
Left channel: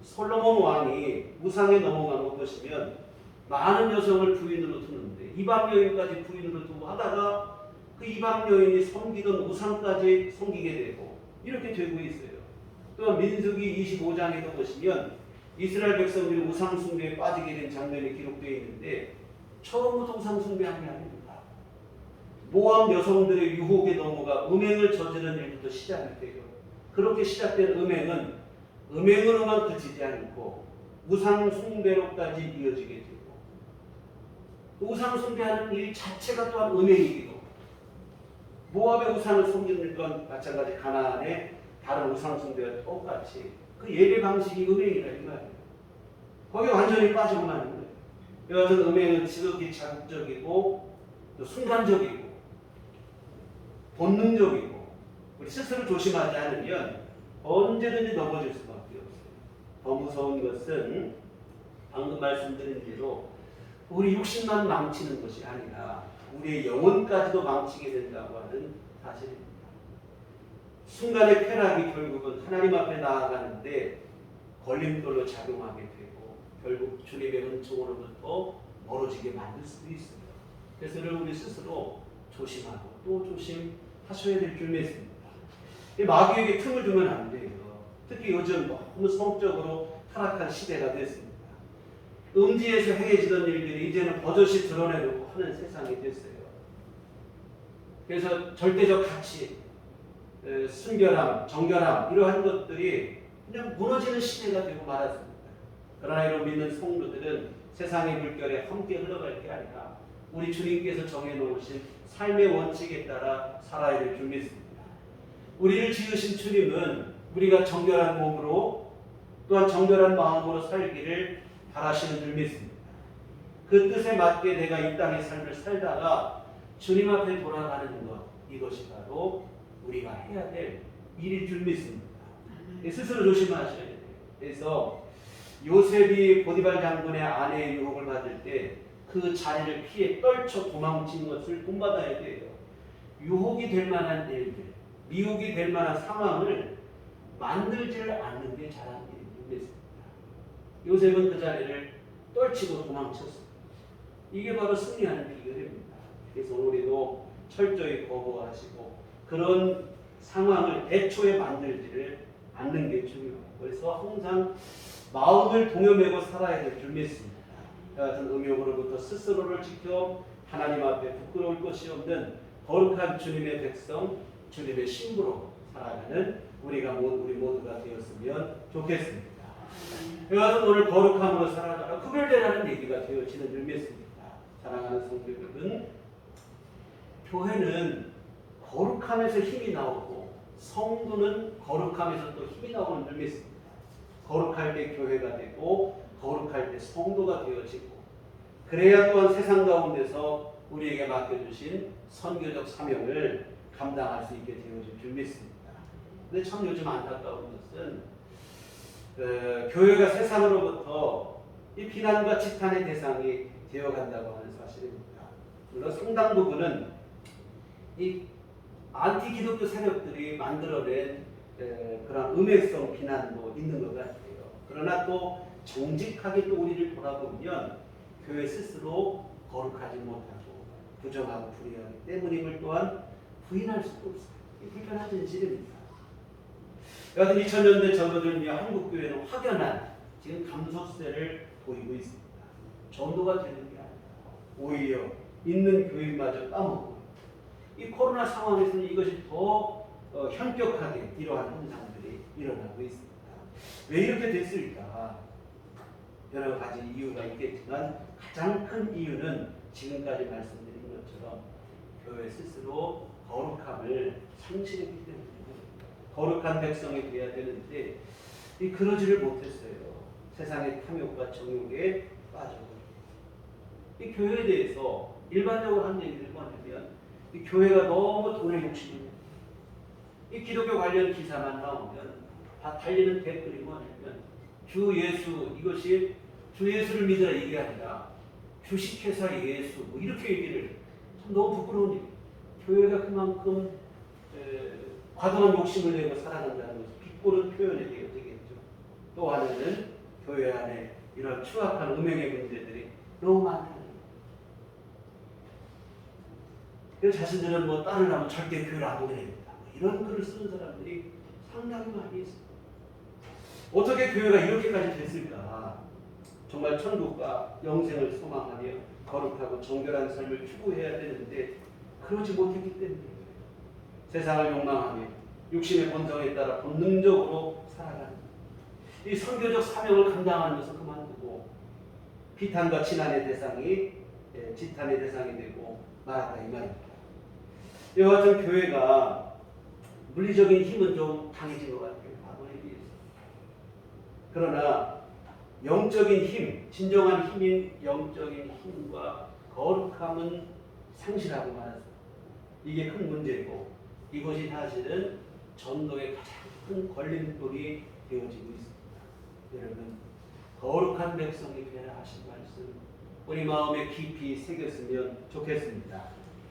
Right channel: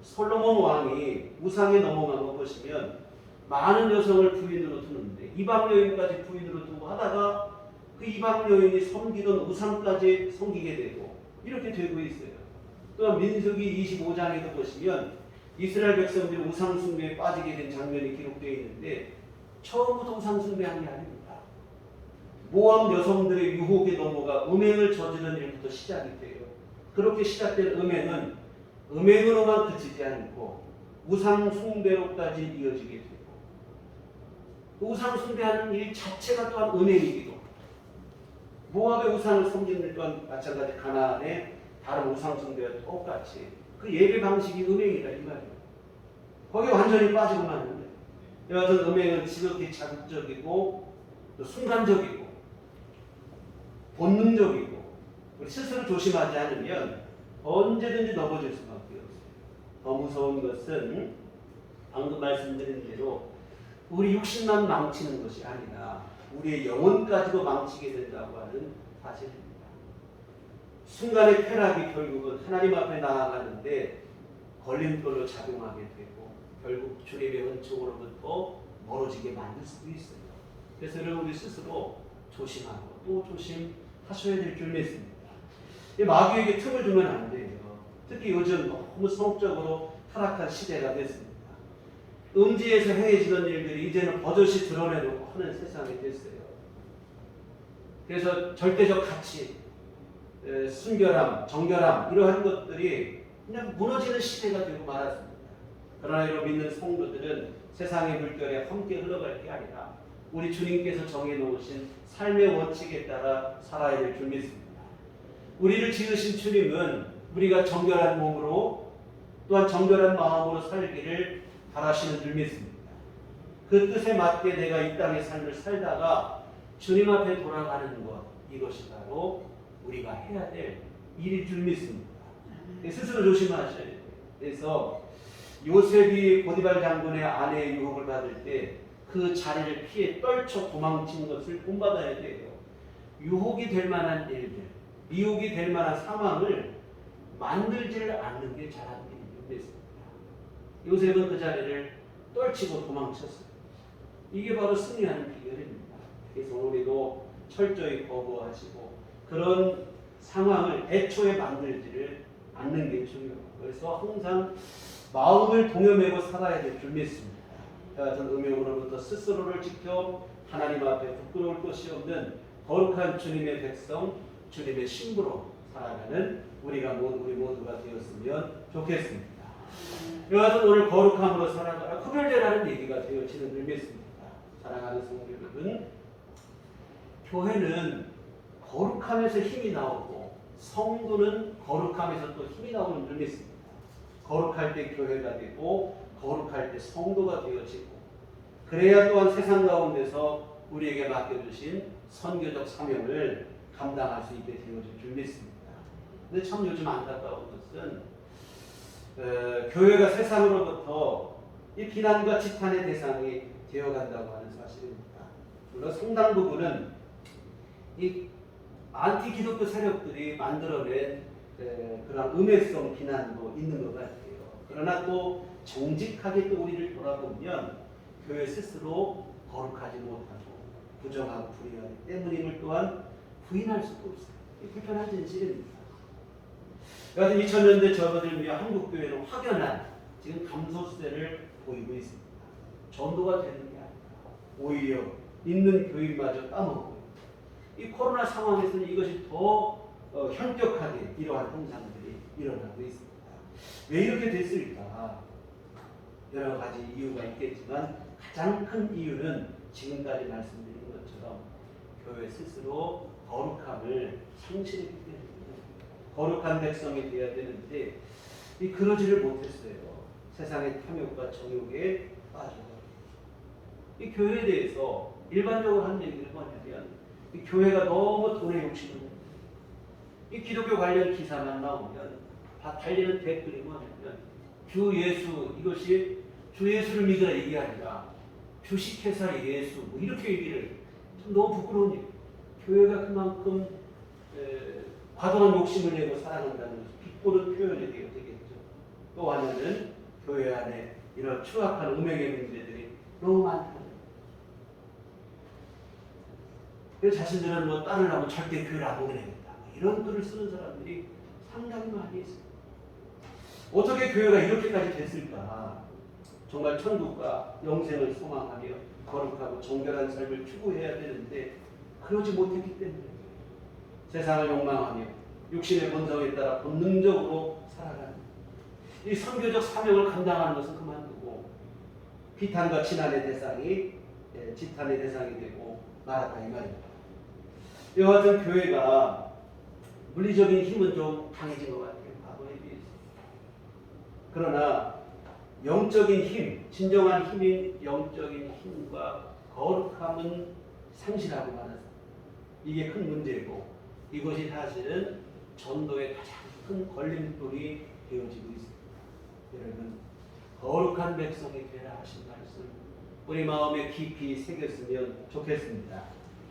솔로몬 왕이 우상에 넘어간 거 보시면 많은 여성을 부인으로 두는데 이방 여인까지 부인으로 두고 하다가 그 이방 여인이 섬기던 우상까지 섬기게 되고 이렇게 되고 있어요. 또한 민수기 25장에도 보시면 이스라엘 백성들이 우상 숭배에 빠지게 된 장면이 기록되어 있는데 처음부터 우상 숭배한 게 아닙니다. 모압 여성들의 유혹에 넘어가 음행을 저지른 일부터 시작이 돼요. 그렇게 시작된 음행은 음행으로만 그치지 않고 우상 숭배로까지 이어지게 되고, 우상 숭배하는 일 자체가 또한 음행이기도, 모압의 우상을 섬기는 건 마찬가지 가나안의 다른 우상 숭배와 똑같이 그 예배 방식이 음행이라 이 말이에요. 거기에 완전히 빠지고 마는 거예요. 여하튼 음행은 지극히 자극적이고 또 순간적이고 본능적이고 우리 스스로 조심하지 않으면 언제든지 넘어질 수밖에 없어요. 더 무서운 것은 방금 말씀드린 대로 우리 육신만 망치는 것이 아니라 우리의 영혼까지도 망치게 된다고 하는 사실입니다. 순간의 쾌락이 결국은 하나님 앞에 나아가는데 걸림돌로 작용하게 되고 결국 주님의 은총으로부터 멀어지게 만들 수도 있어요. 그래서 우리 스스로 조심하고 또 조심하셔야 될 줄 믿습니다. 마귀에게 틈을 주면 안 돼요. 특히 요즘 너무 성적으로 타락한 시대가 됐습니다. 음지에서 행해지던 일들이 이제는 버젓이 드러내놓고 하는 세상이 됐어요. 그래서 절대적 가치, 순결함, 정결함 이러한 것들이 그냥 무너지는 시대가 되고 말았습니다. 그러나 이로 믿는 성도들은 세상의 물결에 함께 흘러갈 게 아니라 우리 주님께서 정해놓으신 삶의 원칙에 따라 살아야 될 줄 믿습니다. 우리를 지으신 주님은 우리가 정결한 몸으로 또한 정결한 마음으로 살기를 바라시는 줄 믿습니다. 그 뜻에 맞게 내가 이 땅의 삶을 살다가 주님 앞에 돌아가는 것, 이것이 바로 우리가 해야 될 일일 줄 믿습니다. 스스로 조심하셔야 돼요. 그래서 요셉이 보디발 장군의 아내의 유혹을 받을 때 그 자리를 피해 떨쳐 도망친 것을 본받아야 돼요. 유혹이 될 만한 일들, 미혹이 될 만한 상황을 만들지를 않는 게 잘하는 일인 줄 믿습니다. 요셉은 그 자리를 떨치고 도망쳤어요. 이게 바로 승리하는 비결입니다. 그래서 우리도 철저히 거부하시고 그런 상황을 애초에 만들지를 않는 게 중요해요. 그래서 항상 마음을 동여매고 살아야 될 줄 믿습니다. 여하튼 음욕으로부터 스스로를 지켜 하나님 앞에 부끄러울 것이 없는 거룩한 주님의 백성, 주님의 신부로 살아가는 우리 모두가 되었으면 좋겠습니다. 여하튼 오늘 거룩함으로 살아가라 구별되라는 얘기가 되어지는 줄 믿습니다. 사랑하는 성도 여러분, 교회는 거룩함에서 힘이 나오고 성도는 거룩함에서 또 힘이 나오는 줄 믿습니다. 거룩할 때 교회가 되고 거룩할 때 성도가 되어지고 그래야 또한 세상 가운데서 우리에게 맡겨주신 선교적 사명을 감당할 수 있게 되어질 줄 믿습니다. 근데 참 요즘 안타까운 것은 교회가 세상으로부터 이 비난과 지탄의 대상이 되어간다고 하는 사실입니다. 물론 상당 부분은 이 안티 기독교 세력들이 만들어낸 그런 음해성 비난도 있는 것 같아요. 그러나 또 정직하게 또 우리를 돌아보면 교회 스스로 거룩하지 못하고 부정하고 불의하기 때문임을 또한 부인할 수도 없어요. 이 불편한 진실입니다. 여하튼 2000년대 접어들며 한국교회는 확연한 지금 감소세를 보이고 있습니다. 전도가 되는 게 아니라 오히려 있는 교인마저 까먹고 이 코로나 상황에서는 이것이 더 현격하게 이러한 현상들이 일어나고 있습니다. 왜 이렇게 됐을까? 여러 가지 이유가 있겠지만 가장 큰 이유는 지금까지 말씀드린 것처럼 교회 스스로 거룩함을 상실했기 때문에 거룩한 백성이 되어야 되는데 그러지를 못했어요. 세상의 탐욕과 정욕에 빠져서 이 교회에 대해서 일반적으로 하는 얘기들이 뭐냐면 이 교회가 너무 돈에 욕심을 냅니다. 이 기독교 관련 기사만 나오면 다 달리는 댓글이 뭐냐면 주 예수 이것이 주 예수를 믿으라 이게 아니라 주식회사 예수 뭐 이렇게 얘기를 참 너무 부끄러운 일. 교회가 그만큼 과도한 욕심을 내고 살아간다는 것을 비꼬는 표현이 되겠죠. 또 하나는 교회 안에 이런 추악한 음행의 문제들이 너무 많다는 거예요. 그래서 자신들은 뭐 딸을 낳으면 절대 교회를 안 보게 되겠다. 뭐 이런 글을 쓰는 사람들이 상당히 많이 있습니다. 어떻게 교회가 이렇게까지 됐을까? 정말 천국과 영생을 소망하며 거룩하고 정결한 삶을 추구해야 되는데 그러지 못했기 때문에 세상을 욕망하며 육신의 본성에 따라 본능적으로 살아가는 이 선교적 사명을 감당하는 것은 그만두고 비탄과 지탄의 대상이 되고 말았다 이 말입니다. 이와 같은 교회가 물리적인 힘은 좀 강해진 것 같아요. 과거에 비해서. 그러나 영적인 힘, 진정한 힘인 영적인 힘과 거룩함은 상실하고 말았습니다. 이게 큰 문제고 이것이 사실은 전도의 가장 큰 걸림돌이 되어지고 있습니다. 여러분 거룩한 백성이 되라 하신 말씀 우리 마음에 깊이 새겼으면 좋겠습니다.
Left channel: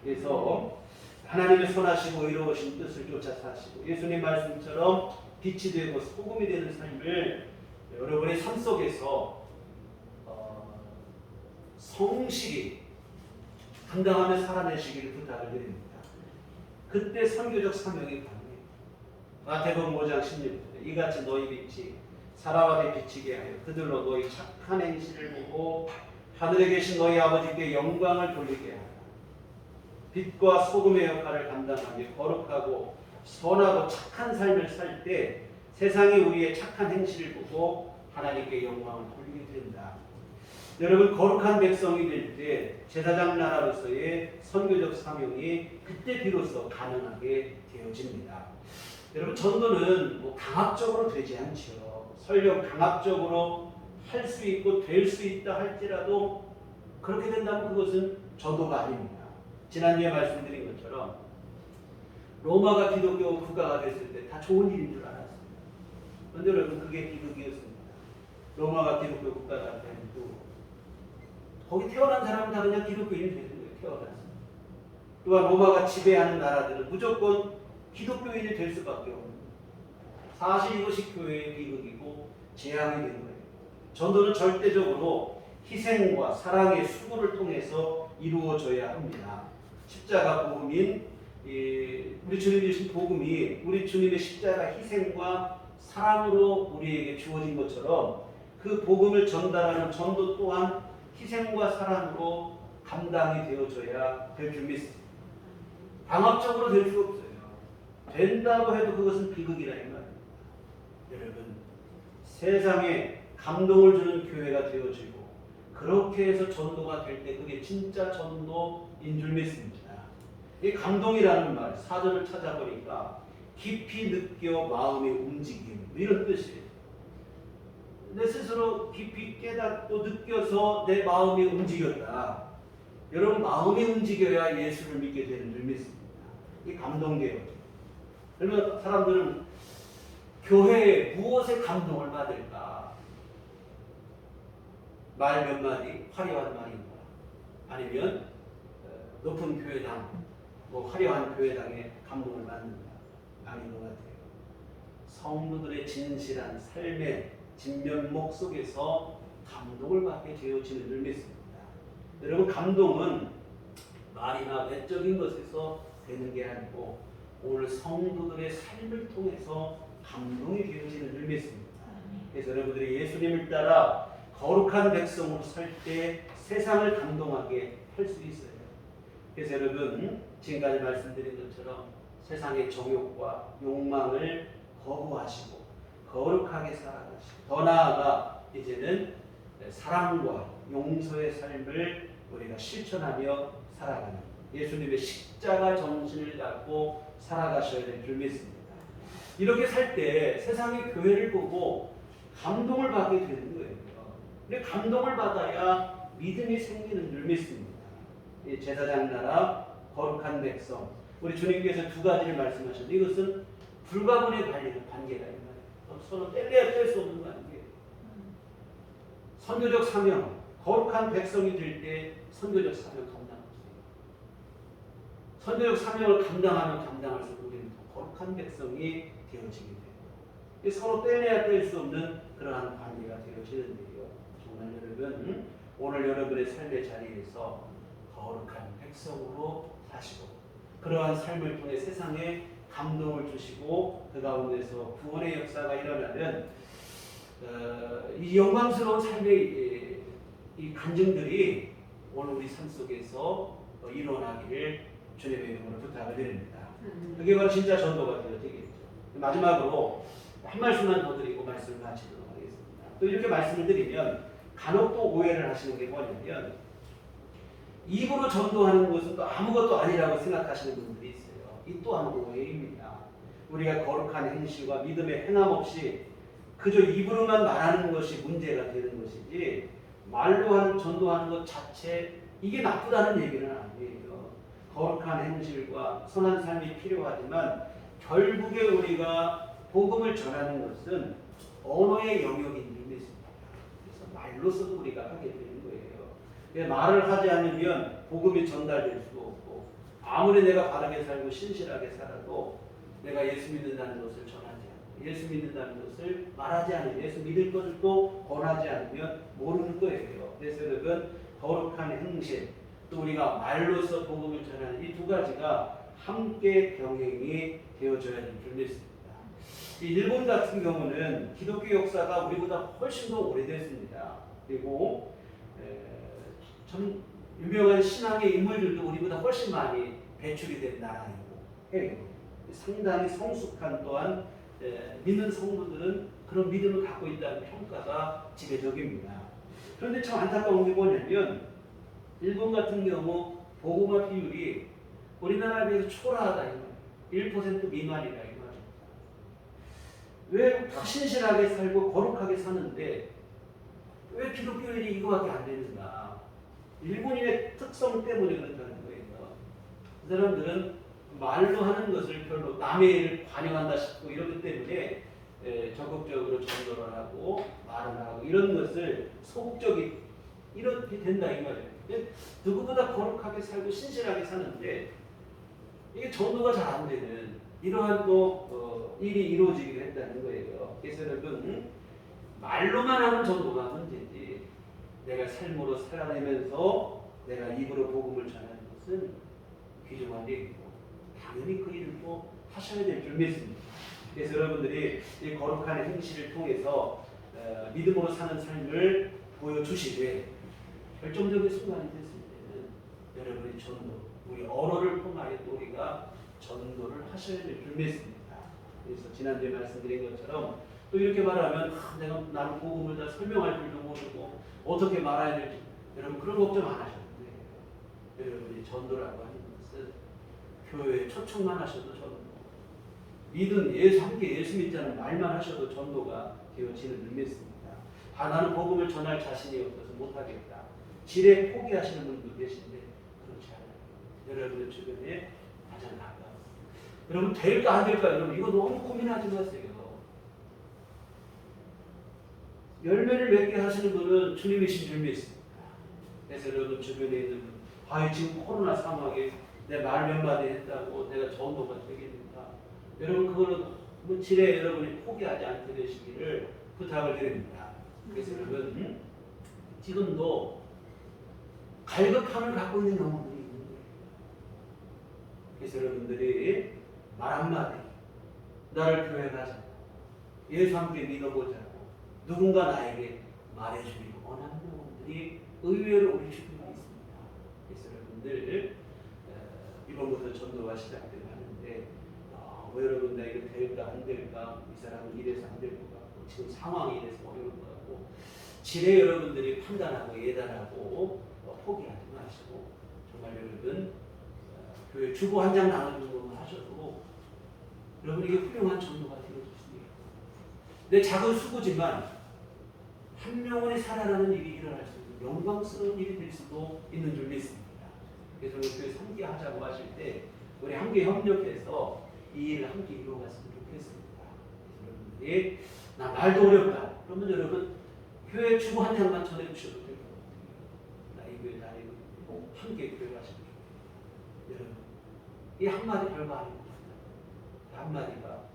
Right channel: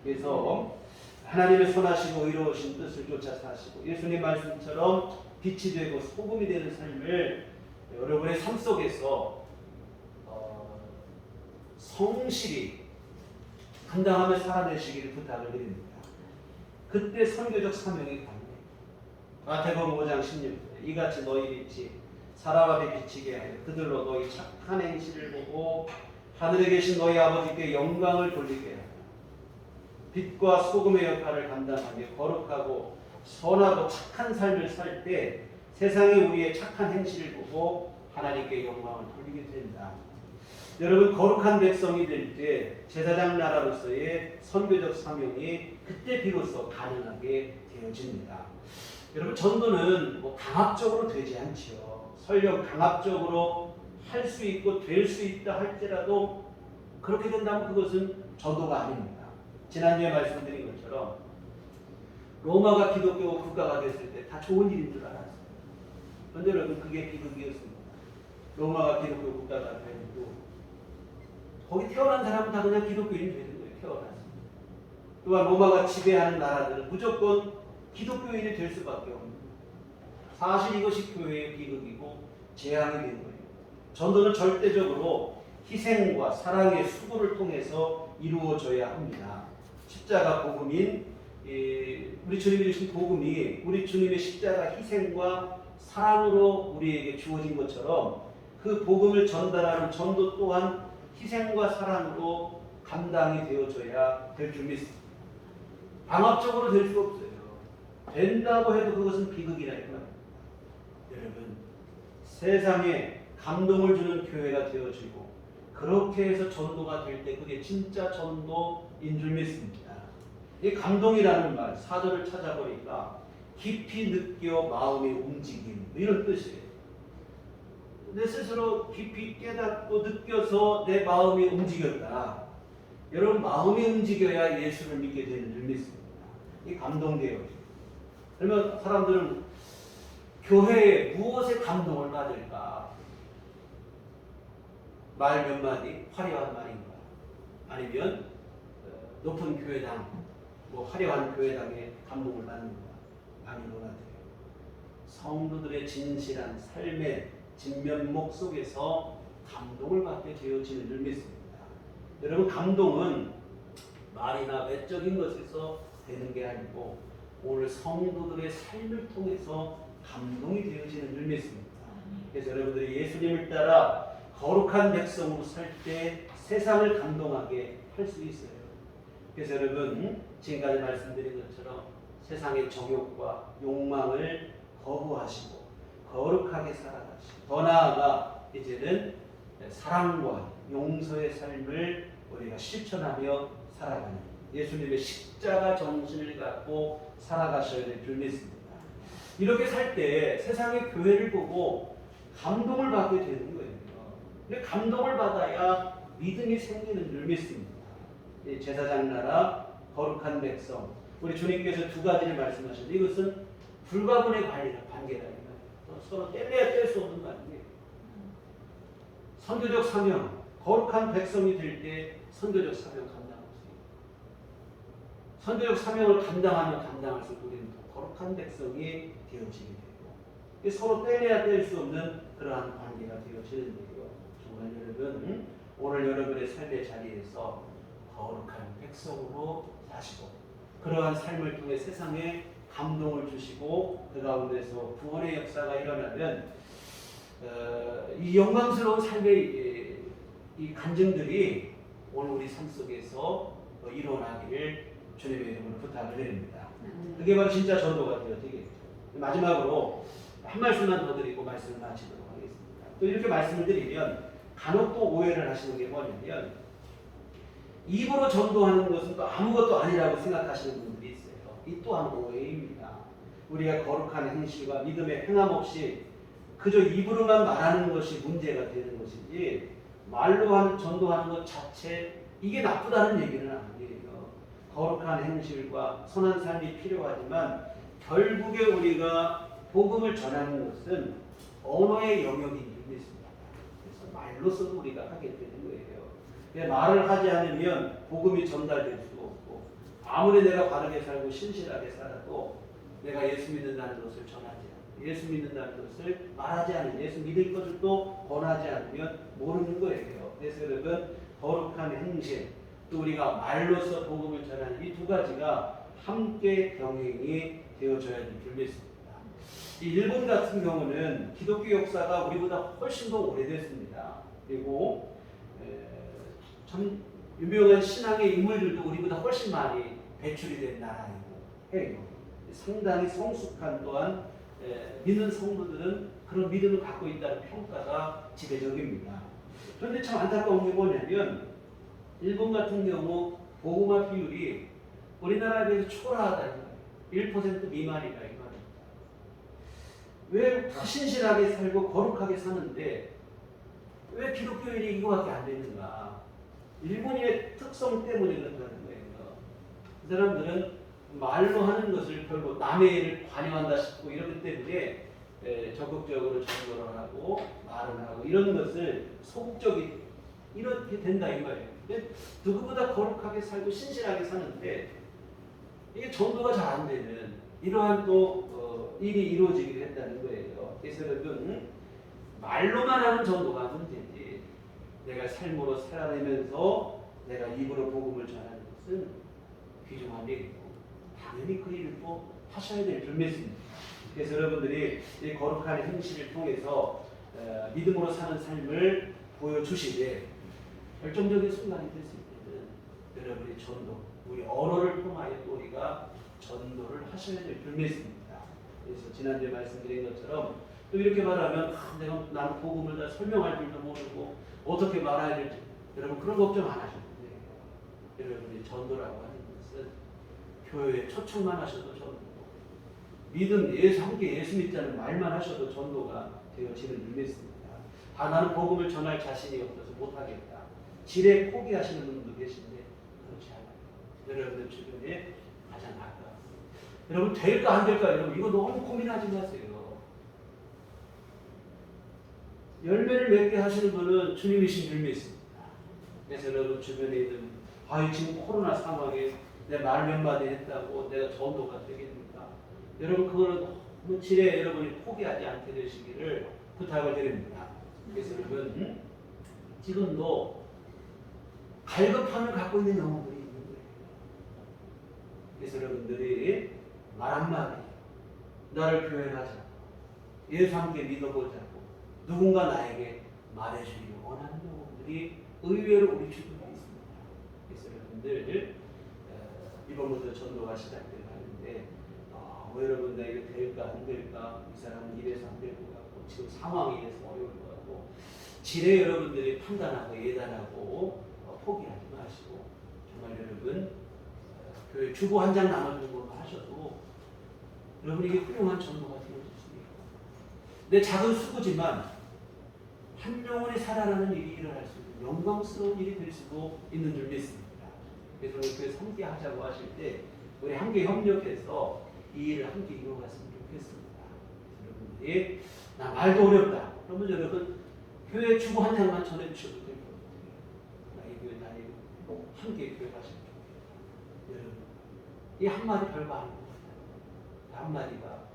그래서 하나님의 선하시고 의로우신 뜻을 쫓아 사시고 예수님 말씀처럼 빛이 되고 소금이 되는 삶을 여러분의 삶 속에서 성실히 감당하며 살아내시기를 부탁을 드립니다. 그때 선교적 사명이 가능해요. 마태복음 5장 16절에 이같이 너희 빛이 사람 앞에 비치게 하여 그들로 너희 착한 행실을 보고 하늘에 계신 너희 아버지께 영광을 돌리게 하라. 빛과 소금의 역할을 감당하며 거룩하고 선하고 착한 삶을 살 때 세상이 우리의 착한 행실을 보고 하나님께 영광을 돌리게 된다. 여러분 거룩한 백성이 될 때 제사장 나라로서의 선교적 사명이 그때 비로소 가능하게 되어집니다. 여러분 전도는 뭐 강압적으로 되지 않죠. 설령 강압적으로 할 수 있고 될 수 있다 할지라도 그렇게 된다면 그것은 전도가 아닙니다. 지난주에 말씀드린 것처럼 로마가 기독교 국가가 됐을 때 다 좋은 일인 줄 알았어요. 그런데 여러분 그게 비극이었습니다. 로마가 기독교 국가가 되고 거기 태어난 사람은 다 그냥 기독교인이 되는 거예요. 태어나서. 또한 로마가 지배하는 나라들은 무조건 기독교인이 될 수밖에 없는 거예요. 사실 이것이 교회의 비극이고 재앙이 된 거예요. 전도는 절대적으로 희생과 사랑의 수고를 통해서 이루어져야 합니다. 십자가 복음인 우리 주님이 주신 복음이 우리 주님의 십자가 희생과 사랑으로 우리에게 주어진 것처럼 그 복음을 전달하는 전도 또한 희생과 사랑으로 감당이 되어져야 될 줄 믿습니다. 강압적으로 될 수 없어요. 된다고 해도 그것은 비극이라 이 말입니다. 여러분 세상에 감동을 주는 교회가 되어지고 그렇게 해서 전도가 될 때 그게 진짜 전도인 줄 믿습니다. 이 감동이라는 말 사절을 찾아보니까 깊이 느껴 마음이 움직임 이런 뜻이에요. 내 스스로 깊이 깨닫고 느껴서 내 마음이 움직였다. 여러분 마음이 움직여야 예수를 믿게 되는 줄 믿습니다. 이 감동돼요. 그러면 사람들은 교회에 무엇에 감동을 받을까? 말 몇 마디, 화려한 말인가? 아니면 높은 교회당, 뭐 화려한 교회당에 감동을 받는가? 아닌 것 같아요. 성도들의 진실한 삶의 진면목 속에서 감동을 받게 되어지는 줄 믿습니다. 여러분, 감동은 말이나 외적인 것에서 되는 게 아니고 오늘 성도들의 삶을 통해서 감동이 되어지는 줄 믿습니다. 그래서 여러분들이 예수님을 따라 거룩한 백성으로 살 때 세상을 감동하게 할 수 있어요. 그래서 여러분, 지금까지 말씀드린 것처럼 세상의 정욕과 욕망을 거부하시고 거룩하게 살아가시고, 더 나아가 이제는 사랑과 용서의 삶을 우리가 실천하며 살아가는 예수님의 십자가 정신을 갖고 살아가셔야 될 줄 믿습니다. 이렇게 살 때 세상의 교회를 보고 감동을 받게 되는 거예요. 근데 감동을 받아야 믿음이 생기는 줄 믿습니다. 제사장 나라, 거룩한 백성, 우리 주님께서 두 가지를 말씀하셨는데 이것은 불가분의 관계가 있나요? 서로 뗄래야 뗄 수 없는 관계예요. 선교적 사명, 거룩한 백성이 될 때 선교적 사명 감당할 수 있어요. 선교적 사명을 감당하면 감당할수록 우리는 더 거룩한 백성이 되어지게 되고, 서로 뗄래야 뗄 수 없는 그러한 관계가 되어지는데요. 정말 여러분, 오늘 여러분의 삶의 자리에서 거룩한 백성으로 사시고 그러한 삶을 통해 세상에 감동을 주시고 그 가운데서 구원의 역사가 일어나면 이 영광스러운 삶의 이 간증들이 오늘 우리 삶 속에서 일어나기를 주님의 이름으로 부탁을 드립니다. 그게 바로 진짜 전도가 되겠죠. 마지막으로 한 말씀만 더 드리고 말씀을 마치도록 하겠습니다. 또 이렇게 말씀을 드리면 간혹 또 오해를 하시는 게 뭐냐면 입으로 전도하는 것은 또 아무것도 아니라고 생각하시는 분들이 있어요. 이 또한 오해입니다. 우리가 거룩한 행실과 믿음의 행함 없이 그저 입으로만 말하는 것이 문제가 되는 것이지 말로 하는 전도하는 것 자체 이게 나쁘다는 얘기는 아니에요. 거룩한 행실과 선한 삶이 필요하지만 결국에 우리가 복음을 전하는 것은 언어의 영역인 줄 믿습니다. 그래서 말로서도 우리가 하게 되는 거예요. 말을 하지 않으면 복음이 전달될 수 없고 아무리 내가 바르게 살고 신실하게 살아도 내가 예수 믿는다는 것을 전하지 않고 예수 믿는다는 것을 말하지 않으면 예수 믿을 것을 또 권하지 않으면 모르는 거예요. 그래서 여러분, 거룩한 행실 또 우리가 말로서 복음을 전하는 이 두 가지가 함께 병행이 되어져야 될 줄 믿습니다. 이 일본 같은 경우는 기독교 역사가 우리보다 훨씬 더 오래됐습니다. 그리고 참 유명한 신앙의 인물들도 우리보다 훨씬 많이 배출이 된 나라이고 해요. 상당히 성숙한 또한 믿는 성도들은 그런 믿음을 갖고 있다는 평가가 지배적입니다. 그런데 참 안타까운 게 뭐냐면 일본 같은 경우 복음화 비율이 우리나라에 비해서 초라하다. 1% 미만이다. 이 말입니다. 왜 신실하게 살고 거룩하게 사는데 왜 기독교인이 이거밖에 안 되는가? 일본인의 특성 때문에 그런다는 거예요. 그 사람들은 말로 하는 것을 별로 남의 일을 관여한다 싶고 이러기 때문에 적극적으로 전도를 하고 말을 하고 이런 것을 소극적이 이렇게 된다 이 말이에요. 누구보다 거룩하게 살고 신실하게 사는데 이게 전도가 잘 안 되는 이러한 또 일이 이루어지기도 했다는 거예요. 그래서 여러분, 말로만 하는 전도가 문제지 내가 삶으로 살아내면서 내가 입으로 복음을 전하는 것은 귀중한 일이고 당연히 그 일을 꼭 하셔야 될 줄 믿습니다. 그래서 여러분들이 이 거룩한 행실을 통해서 믿음으로 사는 삶을 보여주시되 결정적인 순간이 됐을 때는 여러분의 전도, 우리 언어를 통하여 또 우리가 전도를 하셔야 될 줄 믿습니다. 그래서 지난주에 말씀드린 것처럼 또 이렇게 말하면 나는 복음을 다 설명할 줄도 모르고 어떻게 말해야 될지 여러분 그런 걱정 안 하셔도 돼요. 여러분이 전도라고 하는 것은 교회에 초청만 하셔도 전도, 믿음 함께 예수 믿자는 말만 하셔도 전도가 되어지는 줄 믿습니다. 나는 복음을 전할 자신이 없어서 못하겠다. 지레 포기하시는 분도 계신데 그렇지 않아요. 여러분의 주변에 가장 가까워. 여러분 될까 안 될까 여러분 이거 너무 고민하지 마세요. 열매를 맺게 하시는 분은 주님이신 줄 믿습니다. 그래서 여러분 주변에 있는 분 아이 지금 코로나 상황에 내 말 몇 마디 했다고 내가 전도가 되겠는가? 여러분 그거는 뭐 지레 여러분이 포기하지 않게 되시기를 부탁을 드립니다. 그래서 여러분 지금도 갈급함을 갖고 있는 영혼들이 있는 거예요. 그래서 여러분들이 말 한마디 나를 교회 가자고 예수 함께 믿어보자고 누군가 나에게 말해주기를 원하는 영혼들이 의외로 우리 주변에 있습니다. 그래서 여러분들 이번부터 전도가 시작되고 하는데 뭐 여러분들에게 될까 안 될까 이 사람은 이래서 안 될 것 같고 지금 상황이 이래서 어려울 것 같고 지레 여러분들이 판단하고 예단하고 포기하지 마시고 정말 여러분 교회 주보 한 장 나눠주는 것만 하셔도 여러분 이게 훌륭한 전도가 되어질 수 있고 내 작은 수고지만 한 영혼이 살아나는 일이 일어날 수 있는 영광스러운 일이 될 수도 있는 줄 믿습니다. 그래서 우리 교회 함께 하자고 하실 때 우리 함께 협력해서 이 일을 함께 이루어갔으면 좋겠습니다. 여러분들이 나 말도 어렵다. 그러면 여러분 교회 주보 한 장만 전해주셔도 될 것 같아요. 나 이 교회 다니고 함께 교회 가시면 좋겠다. 여러분 이 한마디 별거 아닌 것 같아요. 그 한마디가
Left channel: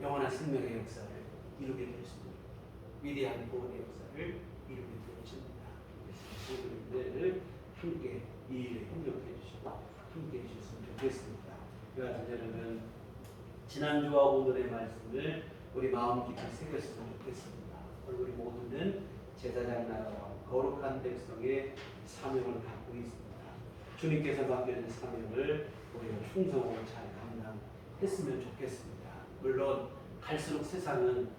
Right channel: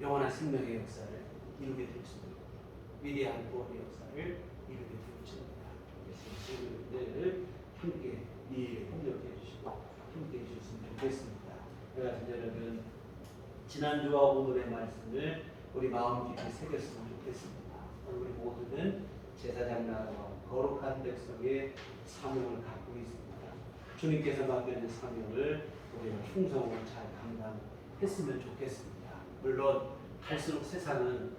영원한 생명의 역사를 이루게 될 수도 있고 위대한 구원의 역사를 이루게 되어집니다. 그래서 여러분들 함께 이 일에 협력해 주시고 함께 해주셨으면 좋겠습니다. 그래서 여러분 지난주와 오늘의 말씀을 우리 마음 깊이 새겼으면 좋겠습니다. 우리 모두는 제사장 나라와 거룩한 백성의 사명을 갖고 있습니다. 주님께서 맡겨진 사명을 우리가 충성으로 잘 감당했으면 좋겠습니다. 물론 갈수록 세상은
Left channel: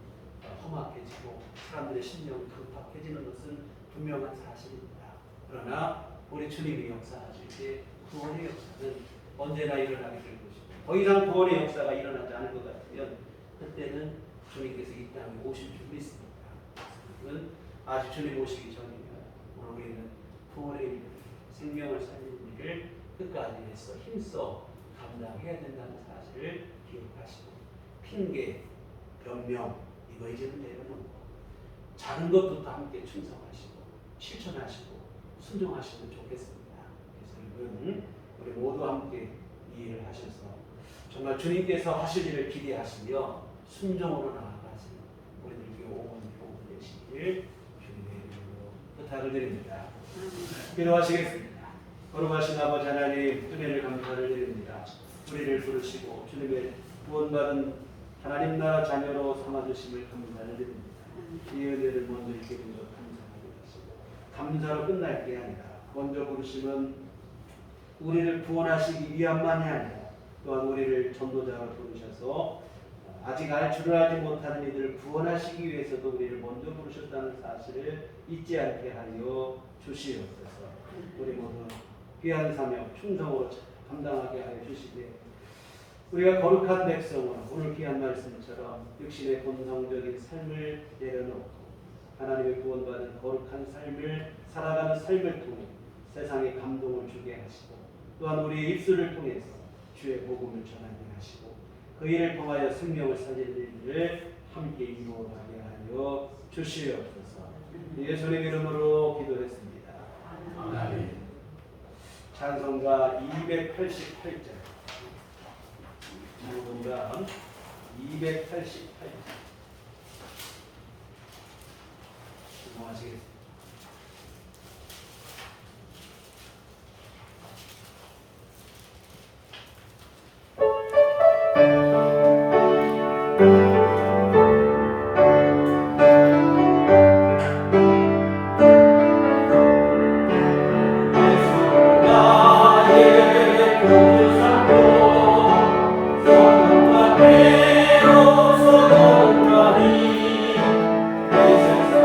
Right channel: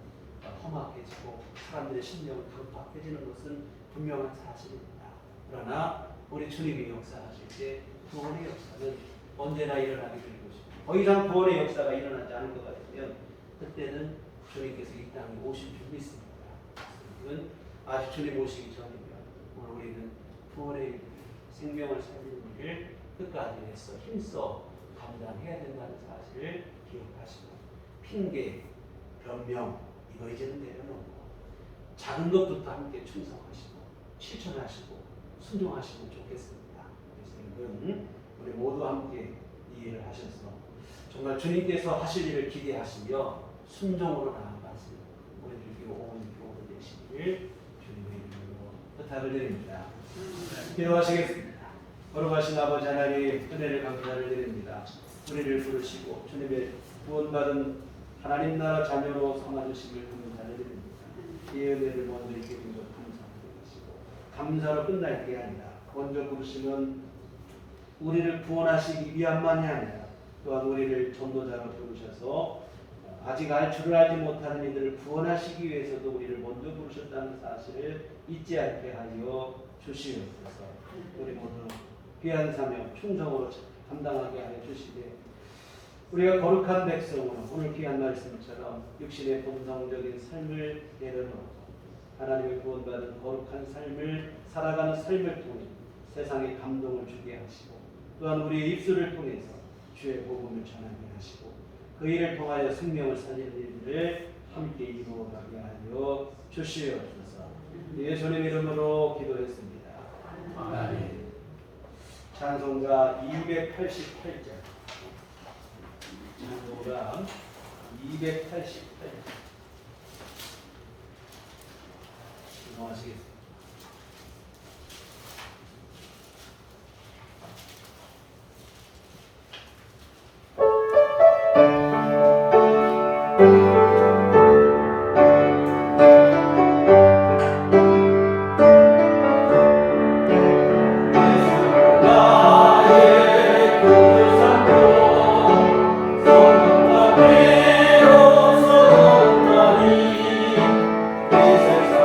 험악해지고 사람들의 심령은 강팍해지는 것은 분명한 사실입니다. 그러나 우리 주님이 역사하실 때 구원의 역사는 언제나 일어나게 될 것이고 더 이상 구원의 역사가 일어나지 않을 것 같으면 그때는 주님께서 이 땅에 오실 줄 믿습니다. 그건 아직 주님 오시기 전이면 오늘 우리는 구원의 일, 생명을 살리는 일을 끝까지 해서 힘써 감당해야 된다는 사실을 기억하시고 핑계, 변명 이거 이제는 내려놓고 작은 것부터 함께 충성하시고 실천하시고 순종하시면 좋겠습니다. 그래서 여러분 우리 모두 함께 이 일을 하셔서 정말 주님께서 하실 일을 기대하시며 순종으로 나아가시는 우리들에게 온 교훈 되시기를 주님의 이름으로 부탁을 드립니다. 기도하시겠습니다. 거룩하신 아버지 하나님 은혜를 감사를 드립니다. 우리를 부르시고 주님의 구원받은 하나님 나라 자녀로 삼아주심을 감사를 드립니다. 이 은혜를 먼저 있게 된 것 감사하고 하시고 감사로 끝날 게 아니라 먼저 부르심은 우리를 구원하시기 위함만이 아니라 또한 우리를 전도자로 부르셔서 아직 알 줄을 알지 못하는 이들을 구원하시기 위해서도 우리를 먼저 부르셨다는 사실을 잊지 않게 하여 주시옵소서. 우리 모두 귀한 사명 충성으로 감당하게 하여 주시되 우리가 거룩한 백성으로 오늘 귀한 말씀처럼 육신의 본성적인 삶을 내려놓고 하나님의 구원받은 거룩한 삶을 살아가는 삶을 통해 세상에 감동을 주게 하시고 또한 우리의 입술을 통해서 주의 복음을 전하게 하시고 그 일을 통하여 생명을 살리는 일을 함께 이루어가게 하여 주시옵소서. 예수님 이름으로 기도했습니다. 아멘. 찬송가 288절 찬송가 288절 기도하시겠습니다.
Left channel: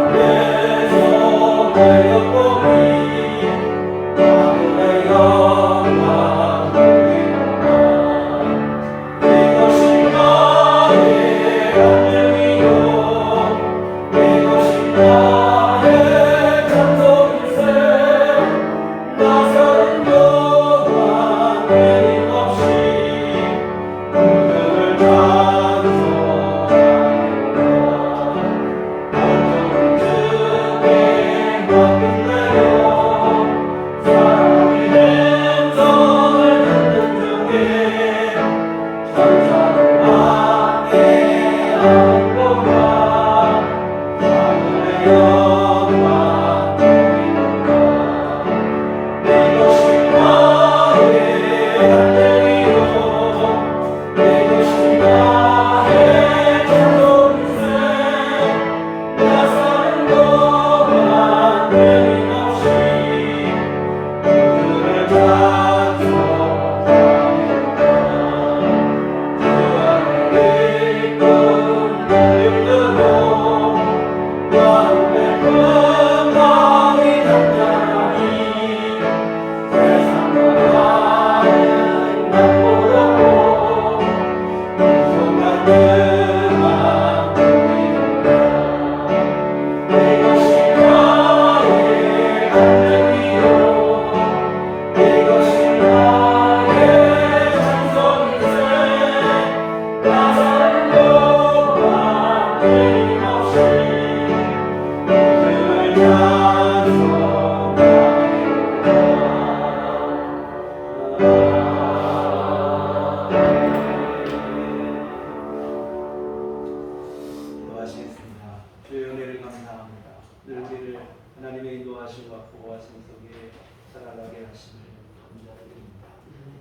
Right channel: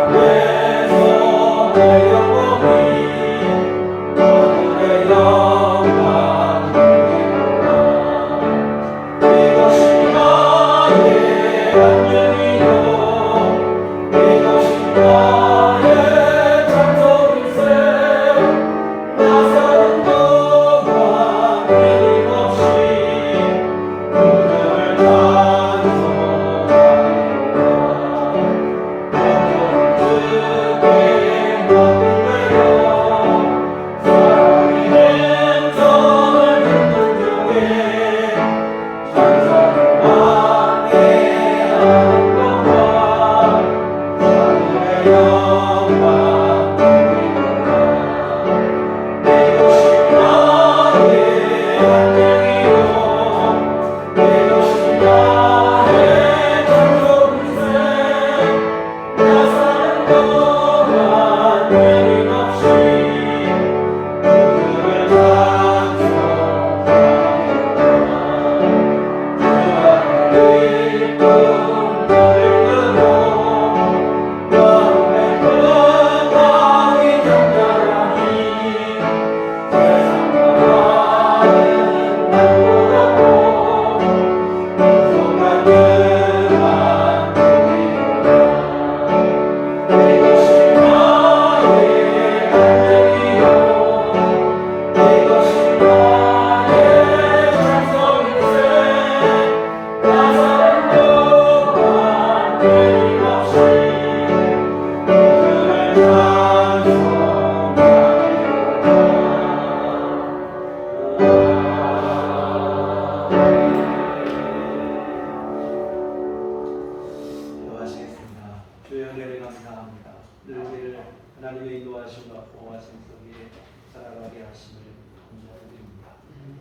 세상에서 감사합니다. 늘 우리를 하나님의 인도하심과 보호하심 속에 살아가게 하심을 감사드립니다.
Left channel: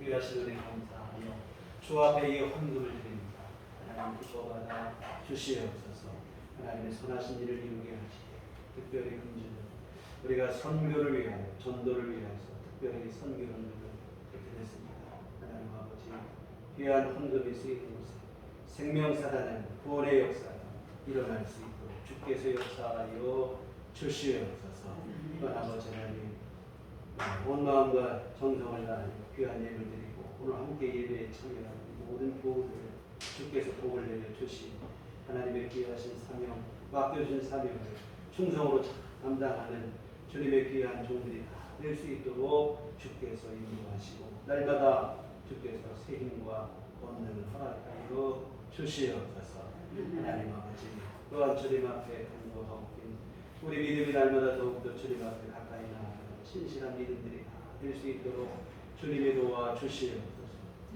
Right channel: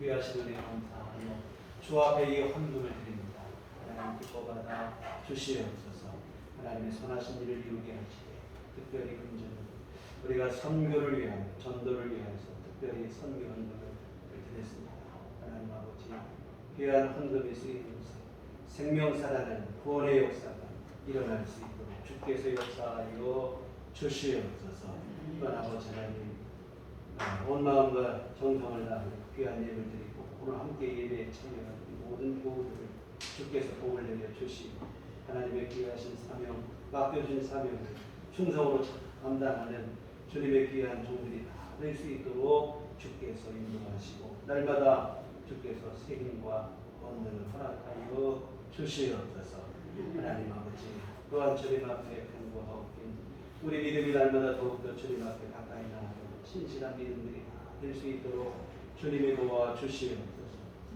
귀하신 은혜 감사하며 주 앞에 이 헌금을 드립니다. 하나님 기뻐받아 주시옵소서. 하나님의 선하신 일을 이루게 하시되 특별히 금주는 우리가 선교를 위하여 전도를 위하여서 특별히 선교 헌금을 드렸습니다. 하나님 아버지 귀한 헌금이 쓰이는 곳에 생명 살아나는 구원의 역사가 일어날 수 있도록 주께서 역사하여 주시옵소서. 이번 아버지 하나님 온 마음과 정성을 다하여 귀한 예물 드리고 오늘 함께 예배에 참여하는 모든 교우들을 주께서 복을 내려 주시고 하나님의 귀하신 사명 맡겨주신 사명을 충성으로 감당하는 주님의 귀한 종들이 다 될 수 있도록 주께서 인도하시고 날마다 주께서 새 힘과 권능을 허락하여 주시옵소서. 하나님 아버지 또한 주님 앞에 간구하고 우리 믿음이 날마다 더욱더 주님 앞에 가까이 나아가는 신실한 믿음들이 다 될 수 있도록 주님이 도와 주시옵소서.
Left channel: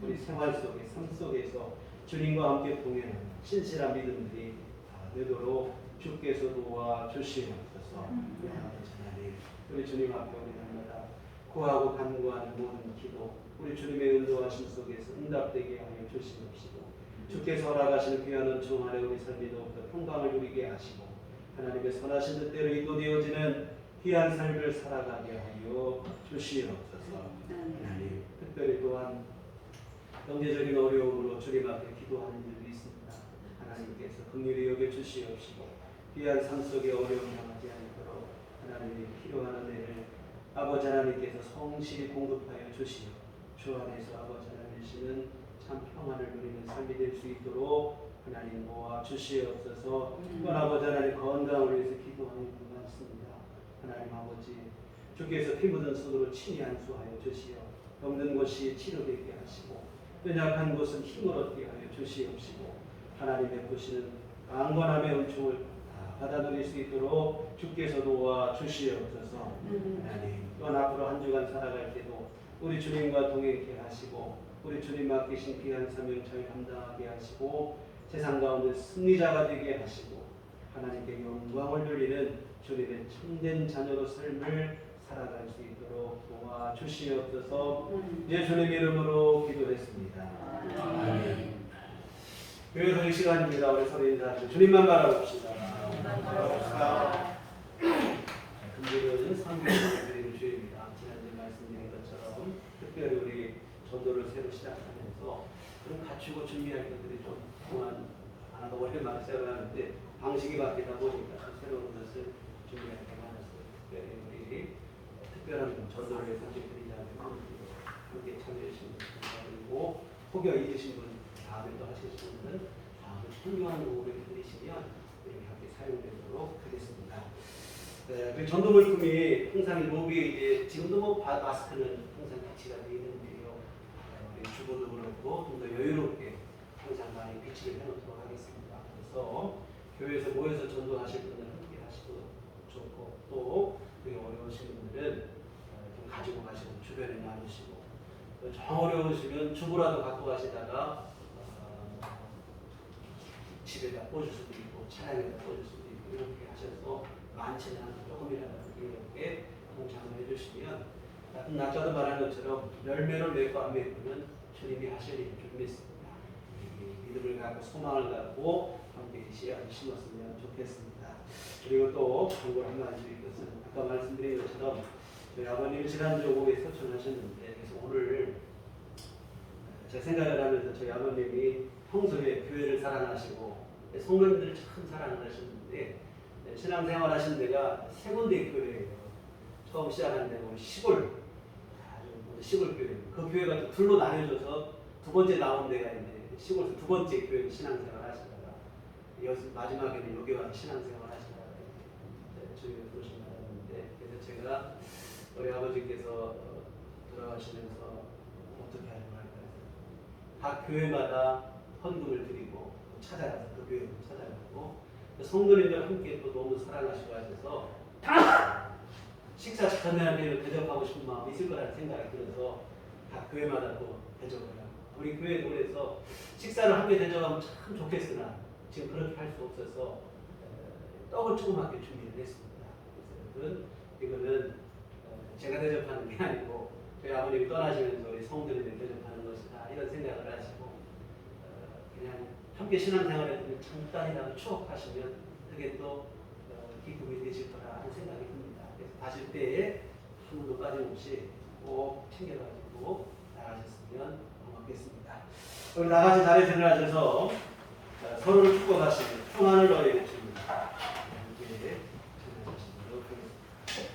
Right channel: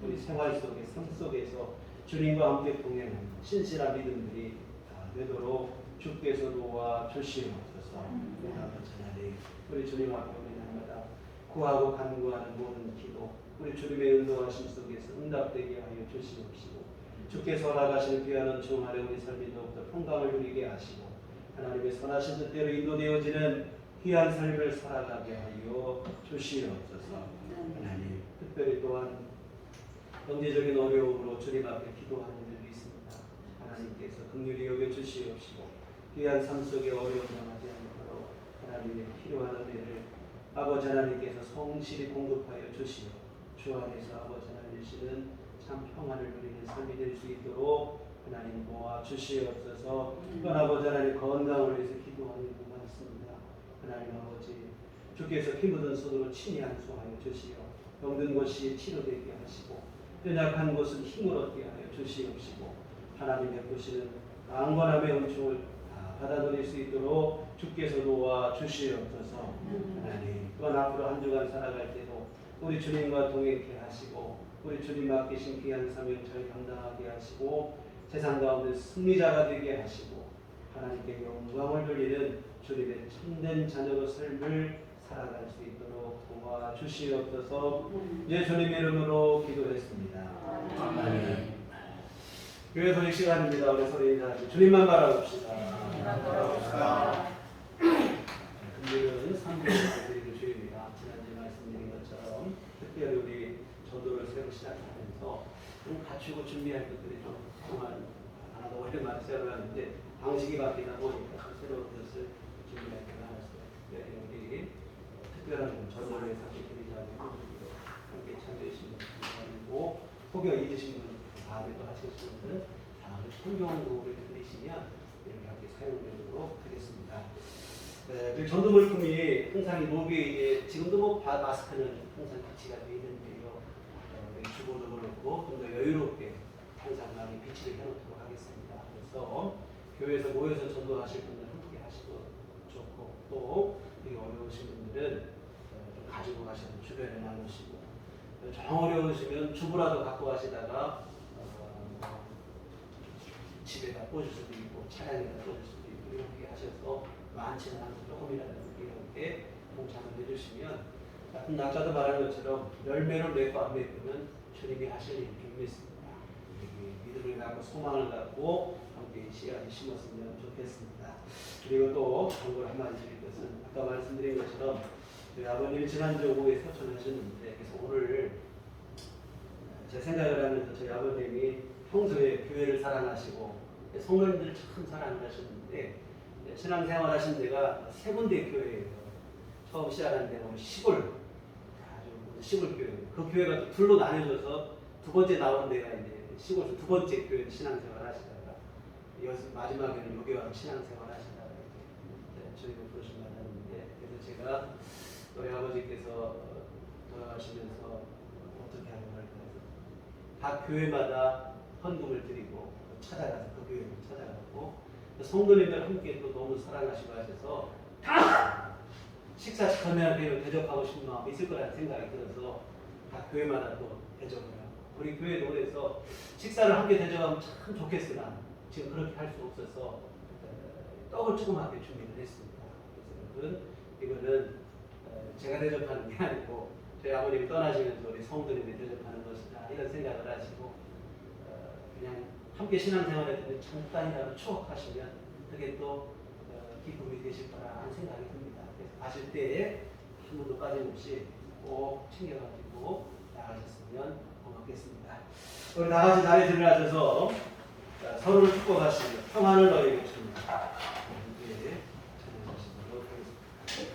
우리 생활 속에 삶 속에서 주님과 함께 동행하는 신실한 믿음들이 다 되도록 주께서 도와 주시옵소서. 아버지 하나님 우리 주님 앞에 우리 날마다 구하고 간구하는 모든 기도 우리 주님의 인도하심 속에서 응답되게 하여 주시옵시고 주께서 허락하시는 귀한 은총 아래 우리 삶이 더욱더 평강을 누리게 하시고 하나님의 선하신 뜻대로 인도되어지는 귀한 삶을 살아가게 하여 주시옵소서. 하나님 특별히 또한 경제적인 어려움으로 주님 앞에 기도하는 이들이 있습니다. 하나님께서 긍휼히 여겨 주시옵시고 귀한 삶 속에 어려움 당하지 않도록 하나님의 필요한 은혜를 아버지 하나님께서 성실히 공급하여 주시어 주 안에서 아버지 하나님이시는 참 평안을 누리는 삶이 될 수 있도록 하나님 모아 주시옵소서. 또한 아버지 하나님 건강을 위해서 기도하는 분 많습니다. 하나님 아버지 주께서 피 묻은 손으로 친히 안수하여 주시어 병든 곳이 치료되게 하시고 연약한 곳은 힘을 얻게 하여 주시옵시고 하나님 베푸시는 강건함의 은총을 다 받아 누릴 수 있도록 주께서 도와 주시옵소서. 하나님 또한 앞으로 한 주간 살아갈 때도 우리 주님과 동행케 하시고 우리 주님 맡기신 귀한 사명을 잘 감당하게 하시고 세상 가운데 승리자가 되게 하시고 하나님께 영광을 돌리는 주님의 참된 자녀로 삶을 살아갈 수 있도록 도와주시옵소서. 예수님 이름으로 기도했습니다. 아멘. 교회 소식 시간입니다. 우리 서로 인사하시고 주님만 바라봅시다. 금요일은 성경을 드리는 주일입니다. 지난주에 말씀드린 것처럼 특별히 우리 전도를 새로 시작하면서 좀 갖추고 준비할 것들이 좀 그동안 하나도 오랜만에 시작을 하는데 방식이 바뀌다 보니까 새로운 것을 준비할 게 많았어요. 특별히 우리 특별한 전도를 위해서 함께 드리자고 했는데요. 함께 참여해 주신 분 감사드리고 혹여 잊으신 분 다음에 또 하실 분은 다음에 성경으로 드리시면 이렇게 함께 사용되도록 하겠습니다. 그 전도 물품이 항상 이 로비에 지금도 뭐 마스크는 항상 비치가 되어 있는데요. 우리 주보도 그렇고 좀 더 여유롭게 항상 많이 비치를 해놓도록 하겠습니다. 그래서 교회에서 모여서 전도하실 분들은 함께 하시고 좋고 또 되게 어려우신 분들은 좀 가지고 가시고 주변에 나누시고 정 어려우시면 주부라도 갖고 가시다가 집에다 꽂을 수도 있고 차량에다 꽂을 수도 있고 이렇게 하셔서 많지는 않고 조금이라도 이렇게 동참을 해주시면 같은 낙자도 말한 것처럼 열매를 맺고 안 맺고는 주님이 하실 일을 믿습니다. 믿음을 갖고 소망을 갖고 함께 씨앗을 심었으면 좋겠습니다. 그리고 또 한걸 한마디 드릴 것은 아까 말씀드린 것처럼 저희 아버님이 지난주 오후에 서천하셨는데 그래서 오늘 제 생각을 하면서 저희 아버님이 평소에 교회를 사랑하시고 성도님들을 참 사랑하셨는데 신앙생활 하신 데가 세 군데 교회예요. 처음 시작한 데가 시골 아주 시골 교회. 그 교회가 또 둘로 나뉘어져서 두 번째 나온 데가 이제 시골에서 두 번째 교회 신앙생활 하시다가 마지막에는 여기 와서 신앙생활 하시다가 이제 저희를 부르심 받았는데 그래서 제가 우리 아버지께서 돌아가시면서 어떻게 하려고 할까 해서 각 교회마다 헌금을 드리고 찾아가서 그 교회를 찾아가고 성도님들 함께 또 너무 사랑하시고 하셔서 식사 전에는 대접하고 싶은 마음이 있을 거라는 생각이 들어서 각 교회마다 또 대접을 해요. 우리 교회도 그래서 식사를 함께 대접하면 참 좋겠으나 지금 그렇게 할 수 없어서 떡을 조그맣게 준비를 했습니다. 그래서 이거는 제가 대접하는 게 아니고 저희 아버님이 떠나시면서 우리 성도님들이 대접하는 것이다 이런 생각을 하시고 그냥 함께 신앙생활했던 잠깐이라도 추억하시면 그게 또 기쁨이 되실 거라 하는 생각이 듭니다. 그래서 가실 때에 한 번도 빠짐없이 꼭 챙겨가지고 나가셨으면 고맙겠습니다. 우리 다 같이 자리에 들어가셔서 서로를 축복하시는 평안을 너희에게 줍니다. 함께 참여하시도록 하겠습니다.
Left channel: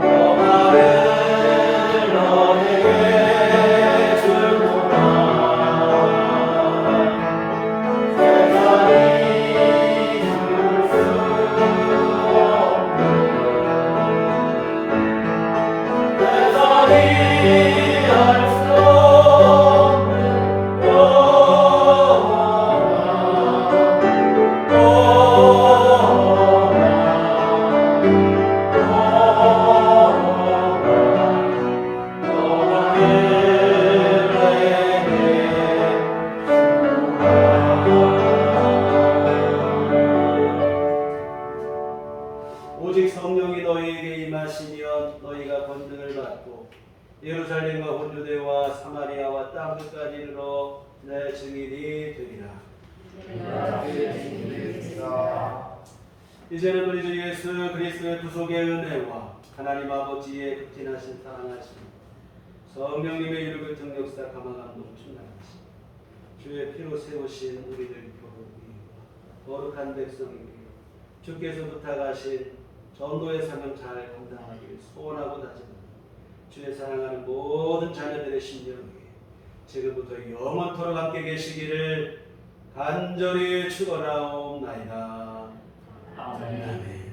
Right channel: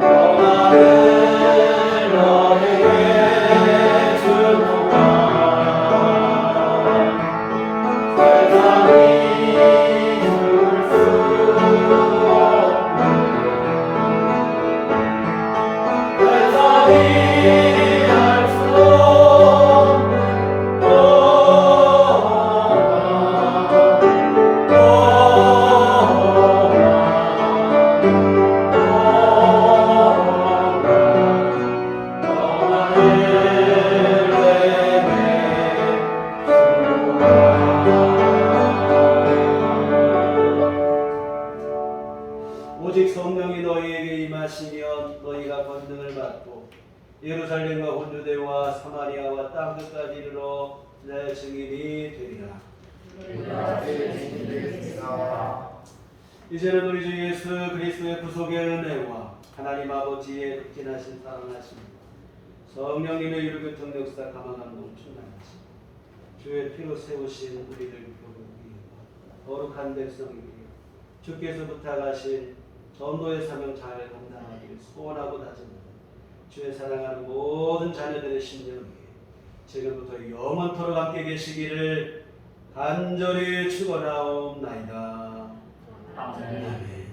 평안을 너에게 주노라. 세상이 줄 수 없는 세상이 알 수 없는 오직 성령이 너희에게 임하시면 너희가 권능을 받고 예루살렘과 혼주대와 사마리아와 땅 끝까지 이르러 내 증인이 되리라. 이제는 우리 주 예수 그리스도의 구속의 은혜와 하나님 아버지의 극진하신 사랑하심, 성령님의 이루교통 역사 감화감동 충만하심, 주의 피로 세우신 우리를 교훈이 거룩한 백성에게 주께서 부탁하신 전도의 사명 잘 감당하기를 소원하고 다짐하는 주의 사랑하는 모든 자녀들의 심령에 지금부터 영원토록 함께 계시기를 간절히 축원하옵나이다. 아멘.